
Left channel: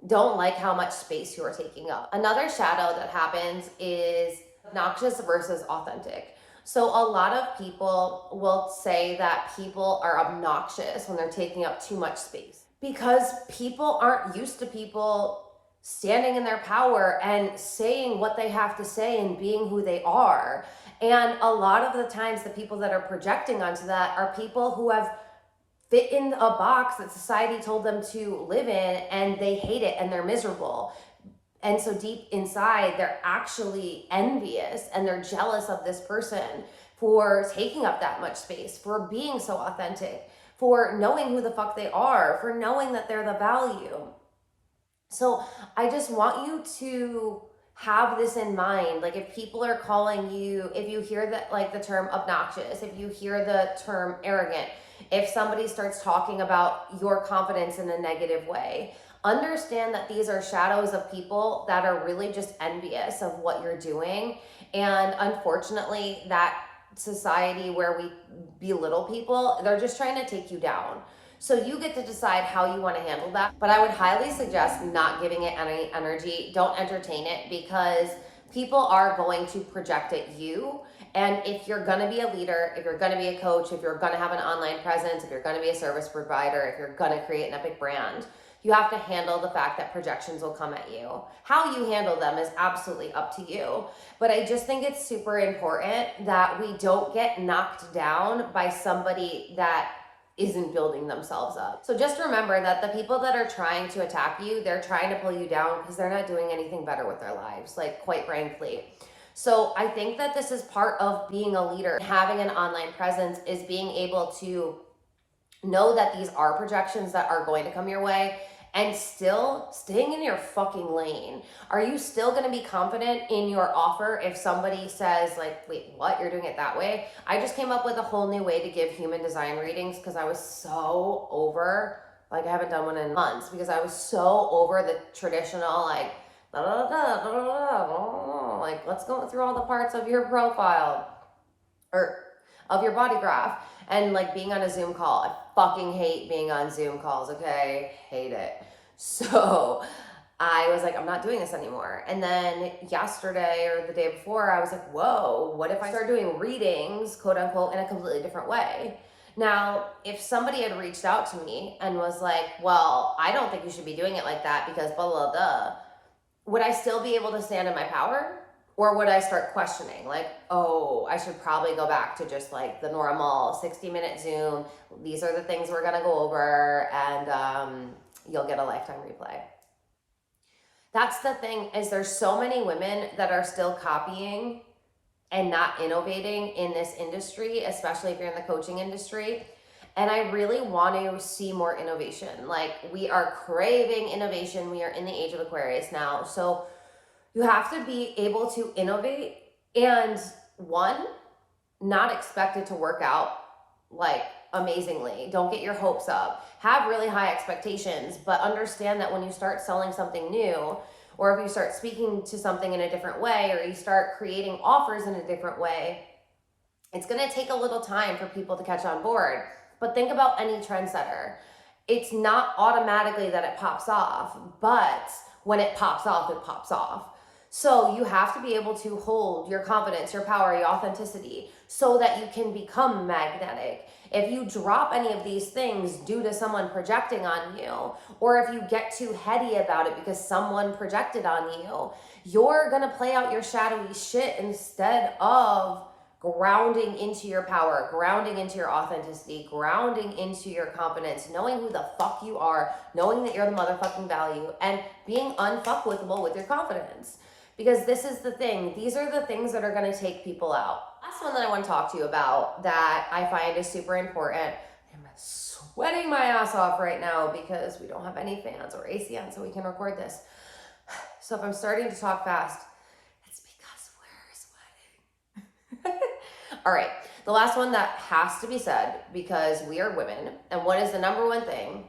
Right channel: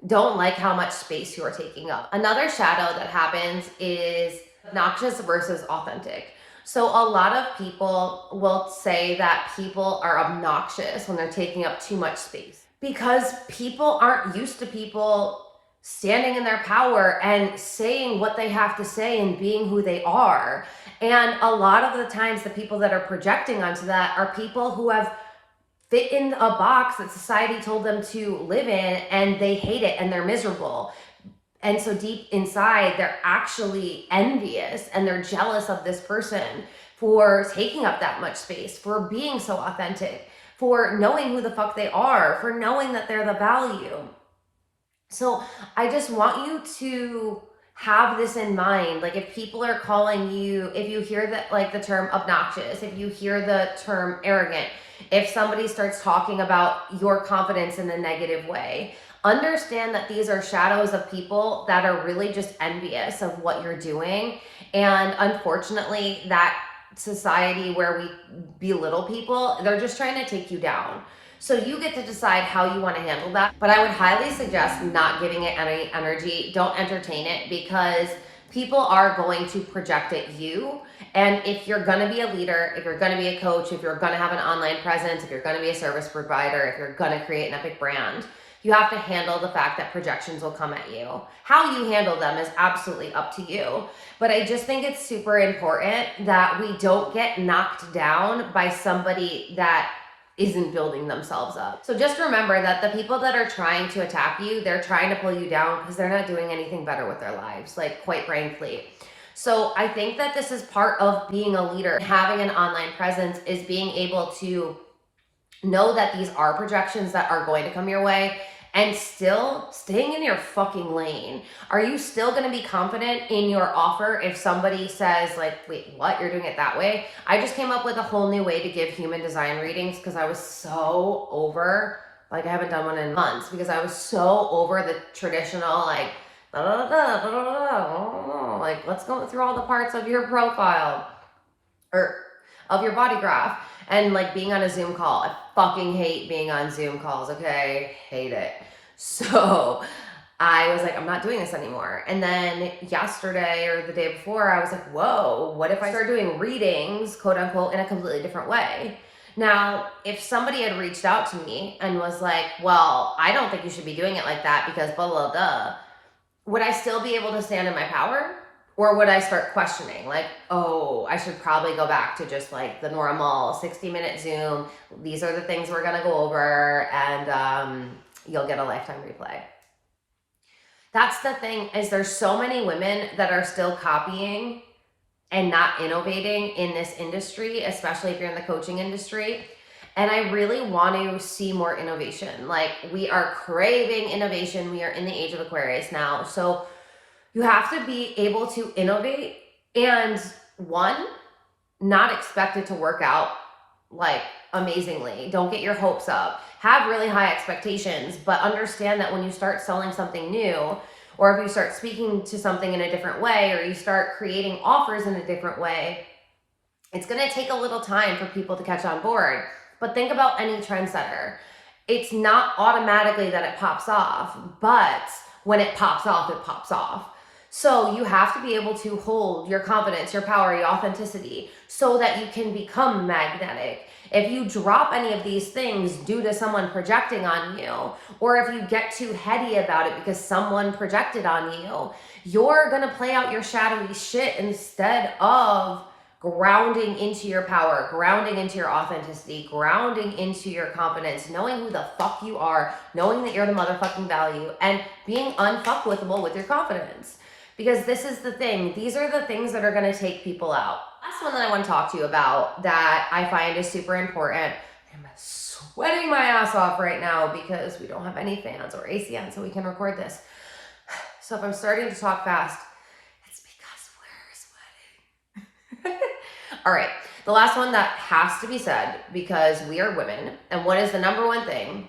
don't like how much space you are taking up. Another shadow that happens is obnoxious versus authentic. So a lot of people will say that people are obnoxious when they're taking up too much space, because people aren't used to people standing in their power and saying what they have to say and being who they are. And a lot of the times the people that are projecting onto that are people who have fit in a box that society told them to live in, and they hate it and they're miserable. And so deep inside, they're actually envious and they're jealous of this person for taking up that much space, for being so authentic, for knowing who the fuck they are, for knowing that they're the value. So I just want you to have this in mind. Like, if people are calling you, if you hear that, like the term obnoxious, if you hear the term arrogant, if somebody starts talking about your confidence in a negative way, understand that these are shadows of people that are really just envious of what you're doing. And unfortunately, that society where we belittle people, they're just trying to take you down. So you get to decide how you want to handle that. But I would highly suggest not giving it any energy. Don't entertain it, because people are going to project at you. And if you're going to be a leader, if you're going to be a coach, if you're going to have an online presence, if you're going to be a service provider, if you're going to create an epic brand, you have to handle the fact that projections will come at you. How you handle them is absolutely up to you. But I just think it's super important that we don't get knocked down by somebody that isn't building themselves up. So just remember that the people that are trying to attack you, they're trying to pull you down because they're not doing anything better with their lives, like, quite frankly. So I think that this is part of being a leader. Having an online presence is being able to know that these are projections that are going to come your way, and still staying in your fucking lane. Are you still going to be confident in your offer if somebody says, like, wait, what? You're doing it that way? I just came up with a whole new way to give human design readings because I was so over, like, I haven't done one in months, because I was so over the traditional, like, like, let's go through all the parts of your profile or of your body graph. And like being on a Zoom call, I fucking hate being on Zoom calls, okay? Hate it. So I was like, I'm not doing this anymore. And then yesterday or the day before, I was like, whoa, what if I start doing readings, quote unquote, in a completely different way? Now, if somebody had reached out to me and was like, well, I don't think you should be doing it like that because blah, blah, blah, would I still be able to stand in my power? Or would I start questioning, like, oh, I should probably go back to just like the normal 60-minute Zoom. These are the things we're going to go over, and you'll get a lifetime replay. That's the thing, is there's so many women that are still copying and not innovating in this industry, especially if you're in the coaching industry. And I really want to see more innovation. Like, we are craving innovation. We are in the age of Aquarius now. So you have to be able to innovate and, one, not expect it to work out like amazingly. Don't get your hopes up. Have really high expectations, but understand that when you start selling something new, or if you start speaking to something in a different way, or you start creating offers in a different way, it's going to take a little time for people to catch on board. But think about any trendsetter. It's not automatically that it pops off, but when it pops off, it pops off. So you have to be able to hold your confidence, your power, your authenticity, so that you can become magnetic. If you drop any of these things due to someone projecting on you, or if you get too heady about it because someone projected on you, you're gonna play out your shadowy shit instead of grounding into your power, grounding into your authenticity, grounding into your confidence, knowing who the fuck you are, knowing that you're the motherfucking value, and being unfuckwithable with your confidence. Because this is the thing. These are the things that are going to take people out. Last one that I want to talk to you about that I find is super important. I'm sweating my ass off right now because we don't have any fans or AC on, so we can record this. So if I'm starting to talk fast, it's because we're sweating. All right. The last one that has to be said, because we are women, and what is the number one thing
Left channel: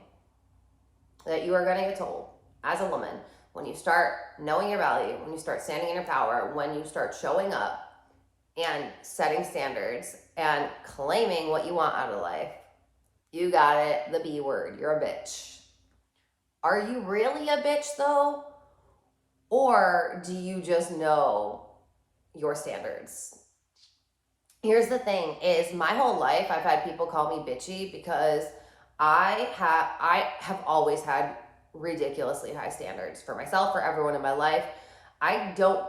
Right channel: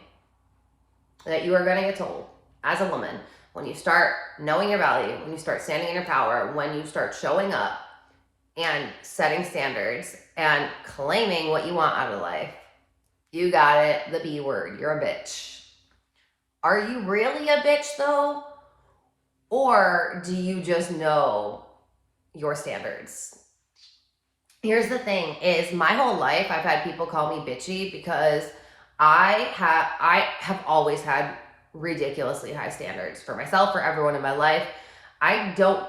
that you are going to get told as a woman when you start knowing your value, when you start standing in your power, when you start showing up and setting standards and claiming what you want out of life? You got it, the B word, you're a bitch. Are you really a bitch though? Or do you just know your standards? Here's the thing, is my whole life I've had people call me bitchy because I have always had ridiculously high standards for myself, for everyone in my life. I don't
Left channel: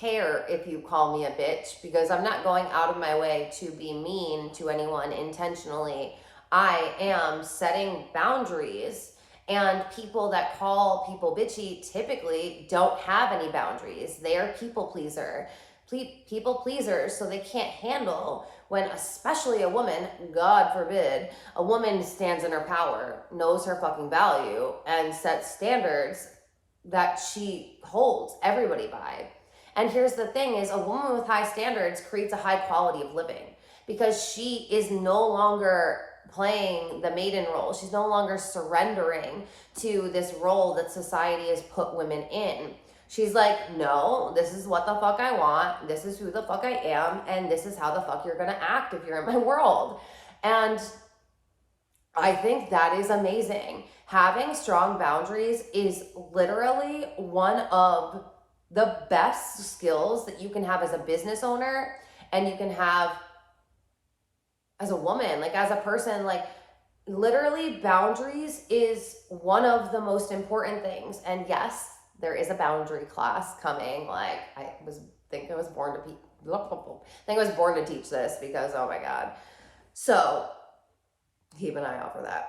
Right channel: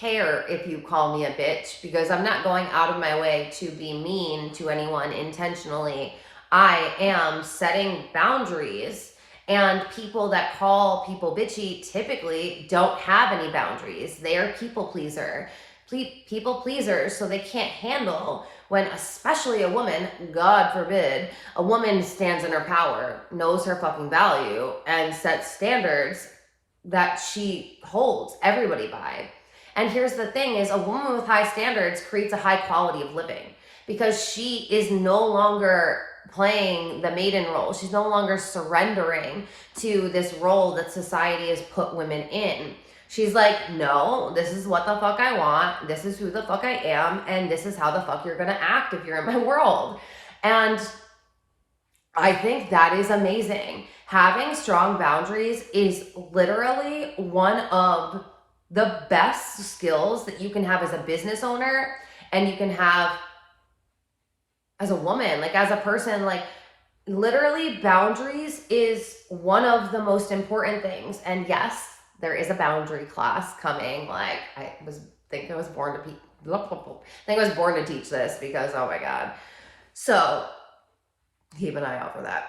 care if you call me a bitch because I'm not going out of my way to be mean to anyone intentionally. I am setting boundaries, and people that call people bitchy typically don't have any boundaries. They are people pleasers, so they can't handle when, especially a woman, God forbid, a woman stands in her power, knows her fucking value, and sets standards that she holds everybody by. And here's the thing, is a woman with high standards creates a high quality of living because she is no longer playing the maiden role. She's no longer surrendering to this role that society has put women in. She's like, no, this is what the fuck I want. This is who the fuck I am. And this is how the fuck you're going to act if you're in my world. And I think that is amazing. Having strong boundaries is literally one of the best skills that you can have as a business owner, and you can have as a woman, like as a person. Like, literally, boundaries is one of the most important things. And yes, there is a boundary class coming. Like, I think I was born to teach this because, oh my God. So keep an eye out for that.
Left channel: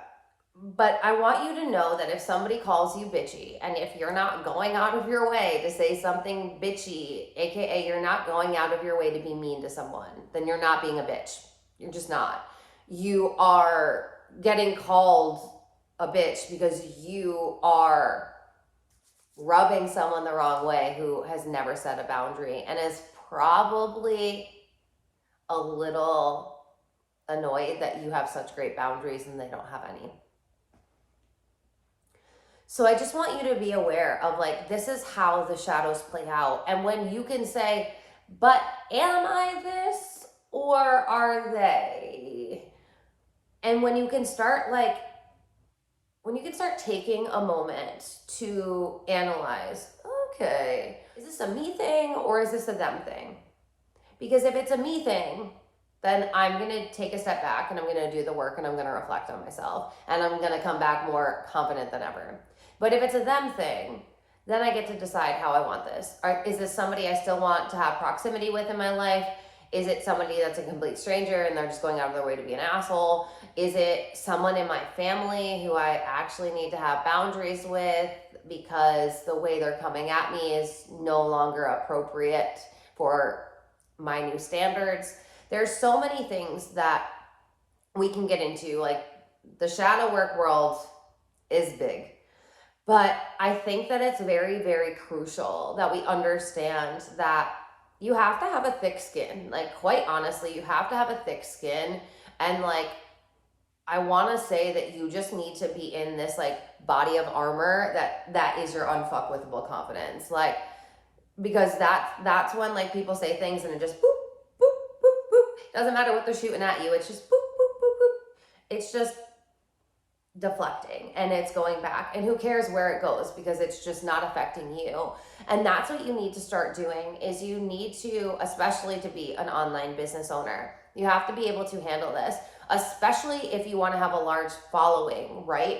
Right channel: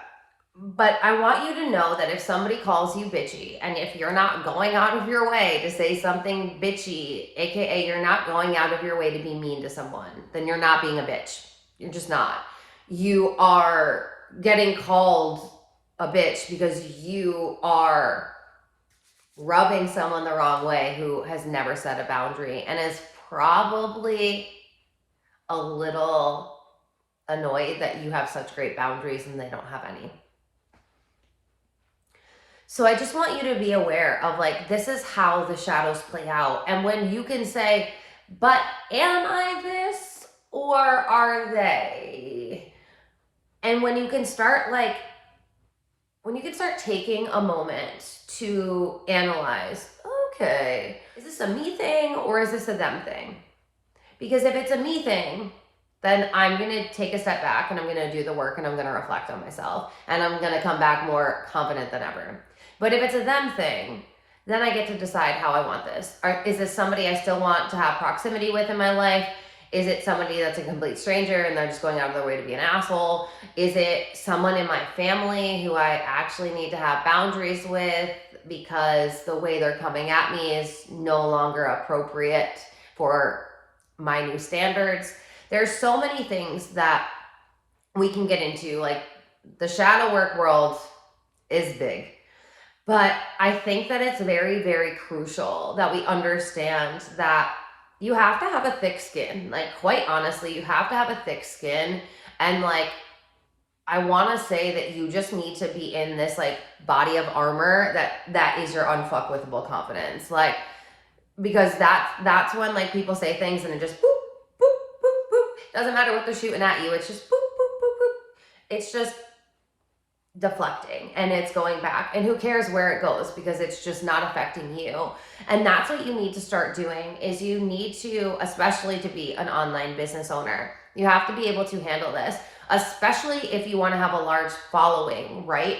But I want you to know that if somebody calls you bitchy, and if you're not going out of your way to say something bitchy, aka you're not going out of your way to be mean to someone, then you're not being a bitch. You're just not. You are getting called a bitch because you are rubbing someone the wrong way who has never set a boundary and is probably a little annoyed that you have such great boundaries and they don't have any. So I just want you to be aware of, like, this is how the shadows play out. And when you can say, but am I this or are they? And when you can start, like, when you can start taking a moment to analyze, okay, is this a me thing or is this a them thing? Because if it's a me thing, then I'm going to take a step back and I'm going to do the work and I'm going to reflect on myself and I'm going to come back more confident than ever. But if it's a them thing, then I get to decide how I want this. Is this somebody I still want to have proximity with in my life? Is it somebody that's a complete stranger and they're just going out of their way to be an asshole? Is it someone in my family who I actually need to have boundaries with because the way they're coming at me is no longer appropriate for my new standards? There's so many things that we can get into. Like, the shadow work world is big. But I think that it's very, very crucial that we understand that you have to have a thick skin. Like, quite honestly, you have to have a thick skin. And like, I want to say that you just need to be in this like body of armor that is your unfuckwithable confidence. Like, because that's when like people say things and it just boop, boop, boop, boop. Doesn't matter what they're shooting at you. It's just boop, boop, boop, boop. It's just deflecting and it's going back, and who cares where it goes because it's just not affecting you. And that's what you need to start doing. Is you need to, especially to be an online business owner, you have to be able to handle this, especially if you want to have a large following, right?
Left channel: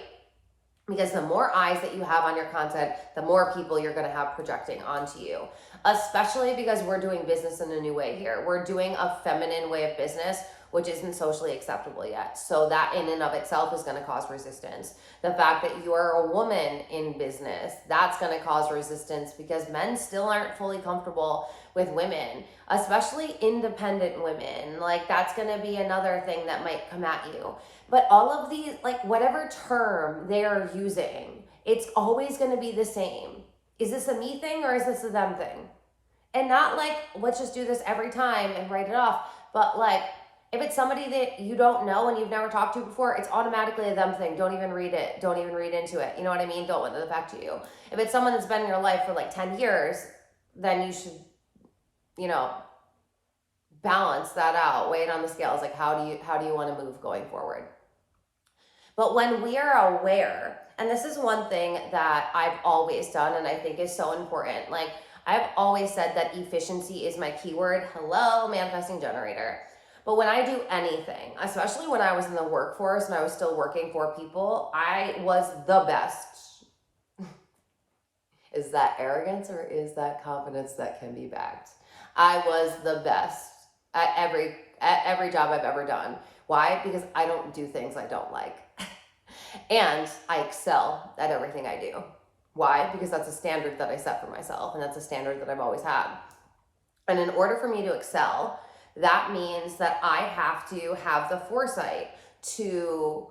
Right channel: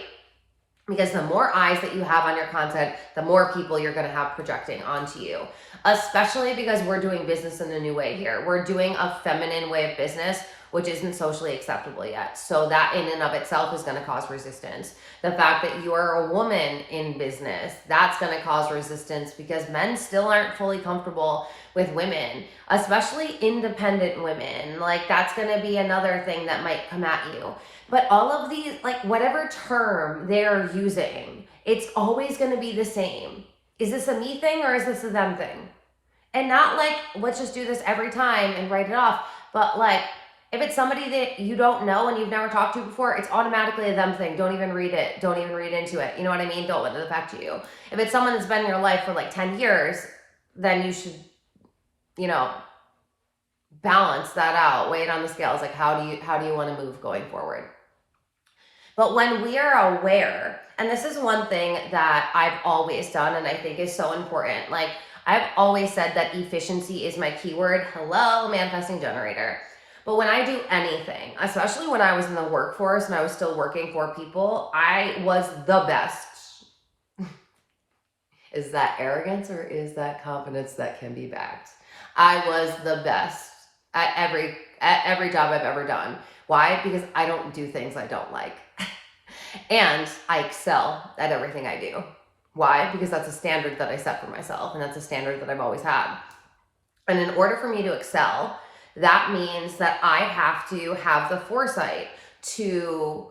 Because the more eyes that you have on your content, the more people you're going to have projecting onto you, especially because we're doing business in a new way here. We're doing a feminine way of business, which isn't socially acceptable yet. So that in and of itself is going to cause resistance. The fact that you are a woman in business, that's going to cause resistance because men still aren't fully comfortable with women, especially independent women. Like, that's going to be another thing that might come at you. But all of these, like, whatever term they're using, it's always going to be the same. Is this a me thing or is this a them thing? And not like, let's just do this every time and write it off, but like, if it's somebody that you don't know and you've never talked to before, it's automatically a them thing. Don't even read it. Don't even read into it. You know what I mean? Don't let it affect you. If it's someone that's been in your life for like 10 years, then you should, balance that out. Weigh it on the scales. Like, how do you want to move going forward? But when we are aware, and this is one thing that I've always done and I think is so important. Like, I've always said that efficiency is my keyword. Hello, manifesting generator. But when I do anything, especially when I was in the workforce and I was still working for people, I was the best. Is that arrogance or is that confidence that can be backed? I was the best at every job I've ever done. Why? Because I don't do things I don't like. And I excel at everything I do. Why? Because that's a standard that I set for myself, and that's a standard that I've always had. And in order for me to excel, that means that I have to have the foresight to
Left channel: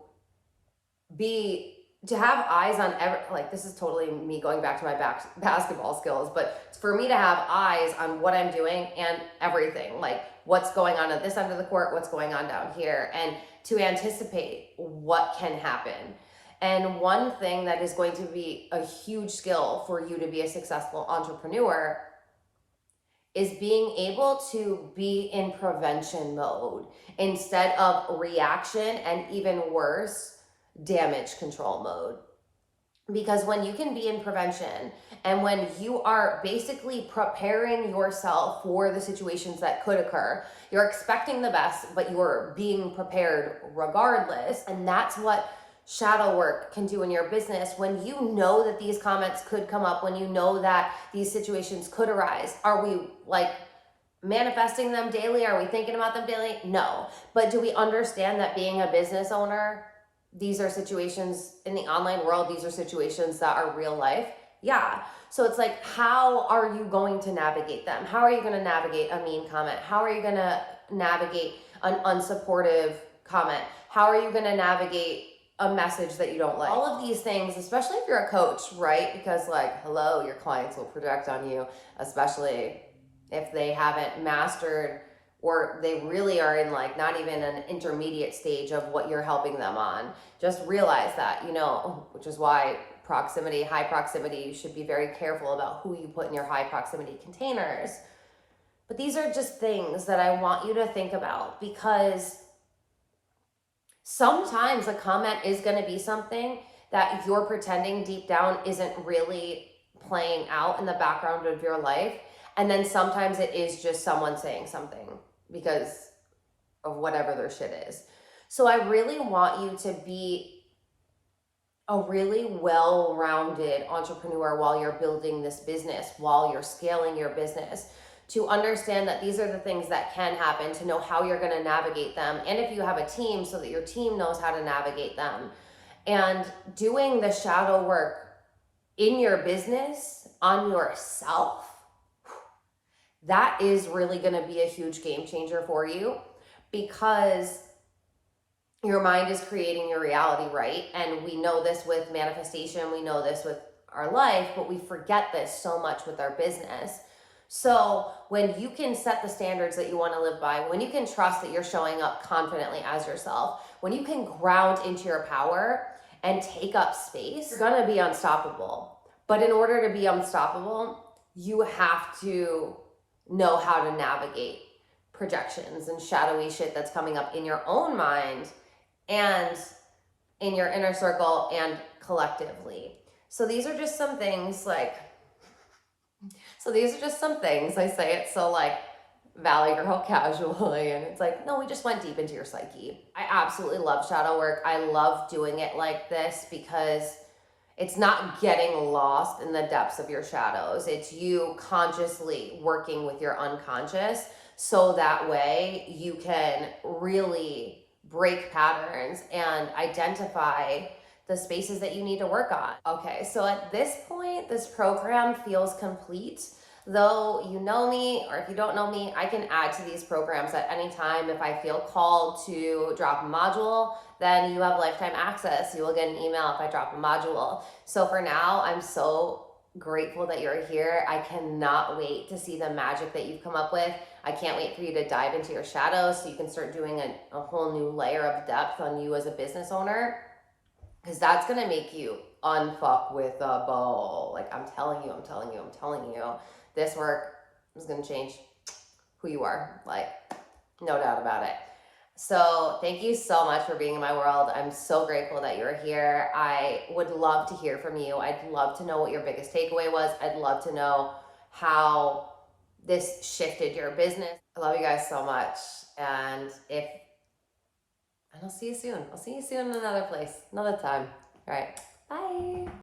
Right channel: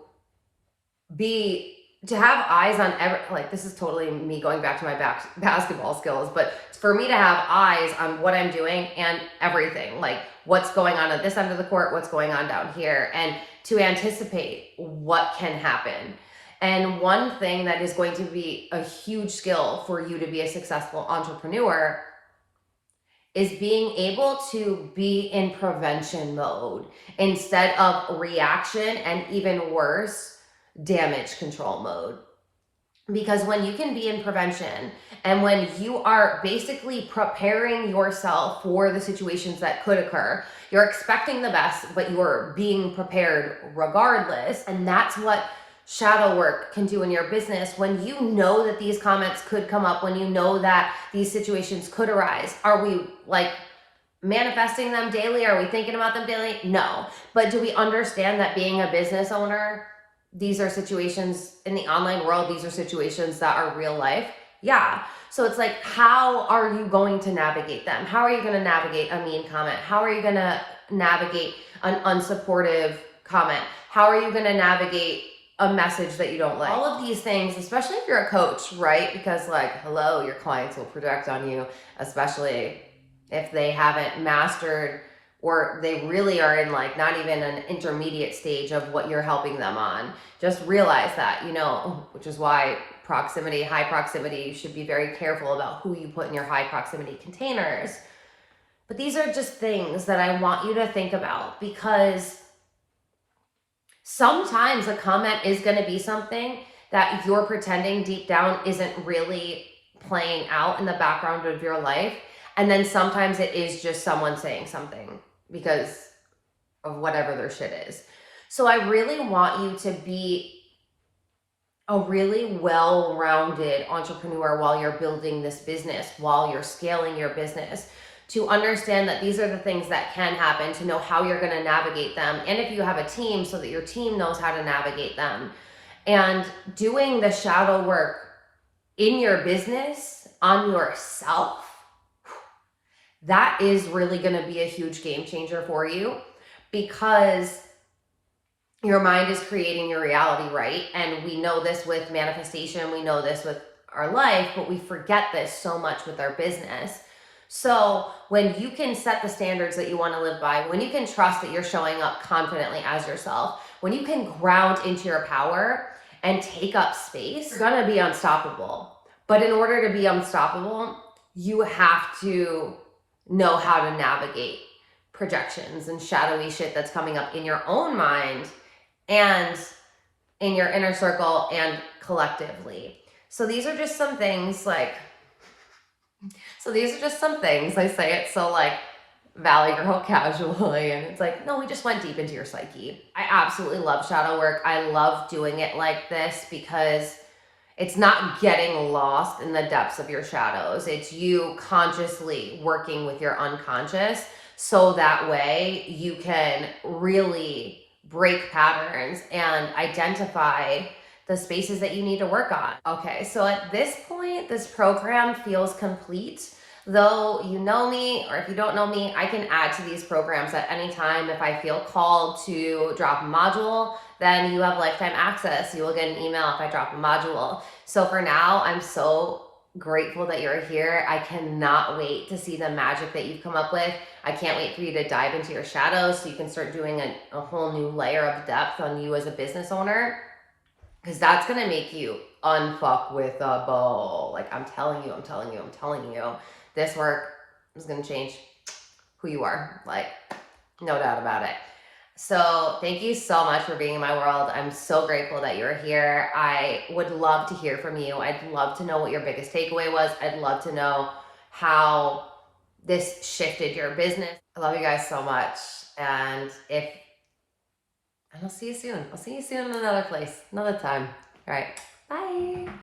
have eyes on like, this is totally me going back to my basketball skills, but for me to have eyes on what I'm doing and everything, like what's going on at this end of the court, what's going on down here, and to anticipate what can happen. And one thing that is going to be a huge skill for you to be a successful entrepreneur is being able to be in prevention mode instead of reaction, and even worse, damage control mode. Because when you can be in prevention and when you are basically preparing yourself for the situations that could occur, you're expecting the best, but you're being prepared regardless. And that's what shadow work can do in your business. When you know that these comments could come up, when you know that these situations could arise, are we like manifesting them daily? Are we thinking about them daily? No. But do we understand that being a business owner, these are situations in the online world, these are situations that are real life? Yeah. So it's like, how are you going to navigate them? How are you going to navigate a mean comment? How are you going to navigate an unsupportive comment? How are you going to navigate a message that you don't like? All of these things, especially if you're a coach, right? Because like, hello, your clients will project on you, especially if they haven't mastered, or they really are in like not even an intermediate stage of what you're helping them on. Just realize that, which is why high proximity, you should be very careful about who you put in your high proximity containers. But these are just things that I want you to think about, because sometimes a comment is going to be something that you're pretending deep down isn't really playing out in the background of your life. And then sometimes it is just someone saying something because of whatever their shit is. So I really want you to be a really well-rounded entrepreneur while you're building this business, while you're scaling your business, to understand that these are the things that can happen, to know how you're going to navigate them, and if you have a team, so that your team knows how to navigate them. And doing the shadow work in your business on yourself, that is really going to be a huge game changer for you, because your mind is creating your reality, right? And we know this with manifestation, we know this with our life, but we forget this so much with our business. So when you can set the standards that you want to live by, when you can trust that you're showing up confidently as yourself, when you can ground into your power and take up space, you're gonna be unstoppable. But in order to be unstoppable, you have to know how to navigate projections and shadowy shit that's coming up in your own mind and in your inner circle and collectively. So these are just some things I say it so like Valley Girl casually, and it's like, no, we just went deep into your psyche. I absolutely love shadow work. I love doing it like this because it's not getting lost in the depths of your shadows. It's you consciously working with your unconscious, so that way you can really break patterns and identify the spaces that you need to work on. Okay, so at this point, this program feels complete. Though you know me, or if you don't know me, I can add to these programs at any time. If I feel called to drop a module, then you have lifetime access. You will get an email if I drop a module. So for now, I'm so grateful that you're here. I cannot wait to see the magic that you've come up with. I can't wait for you to dive into your shadows so you can start doing a whole new layer of depth on you as a business owner, because that's going to make you unfuckwithable. Like, I'm telling you, this work is going to change who you are. Like, no doubt about it. So thank you so much for being in my world. I'm so grateful that you're here. I would love to hear from you. I'd love to know what your biggest takeaway was. I'd love to know how this shifted your business. I love you guys so much. And I'll see you soon. I'll see you soon in another place, another time. All right. Bye.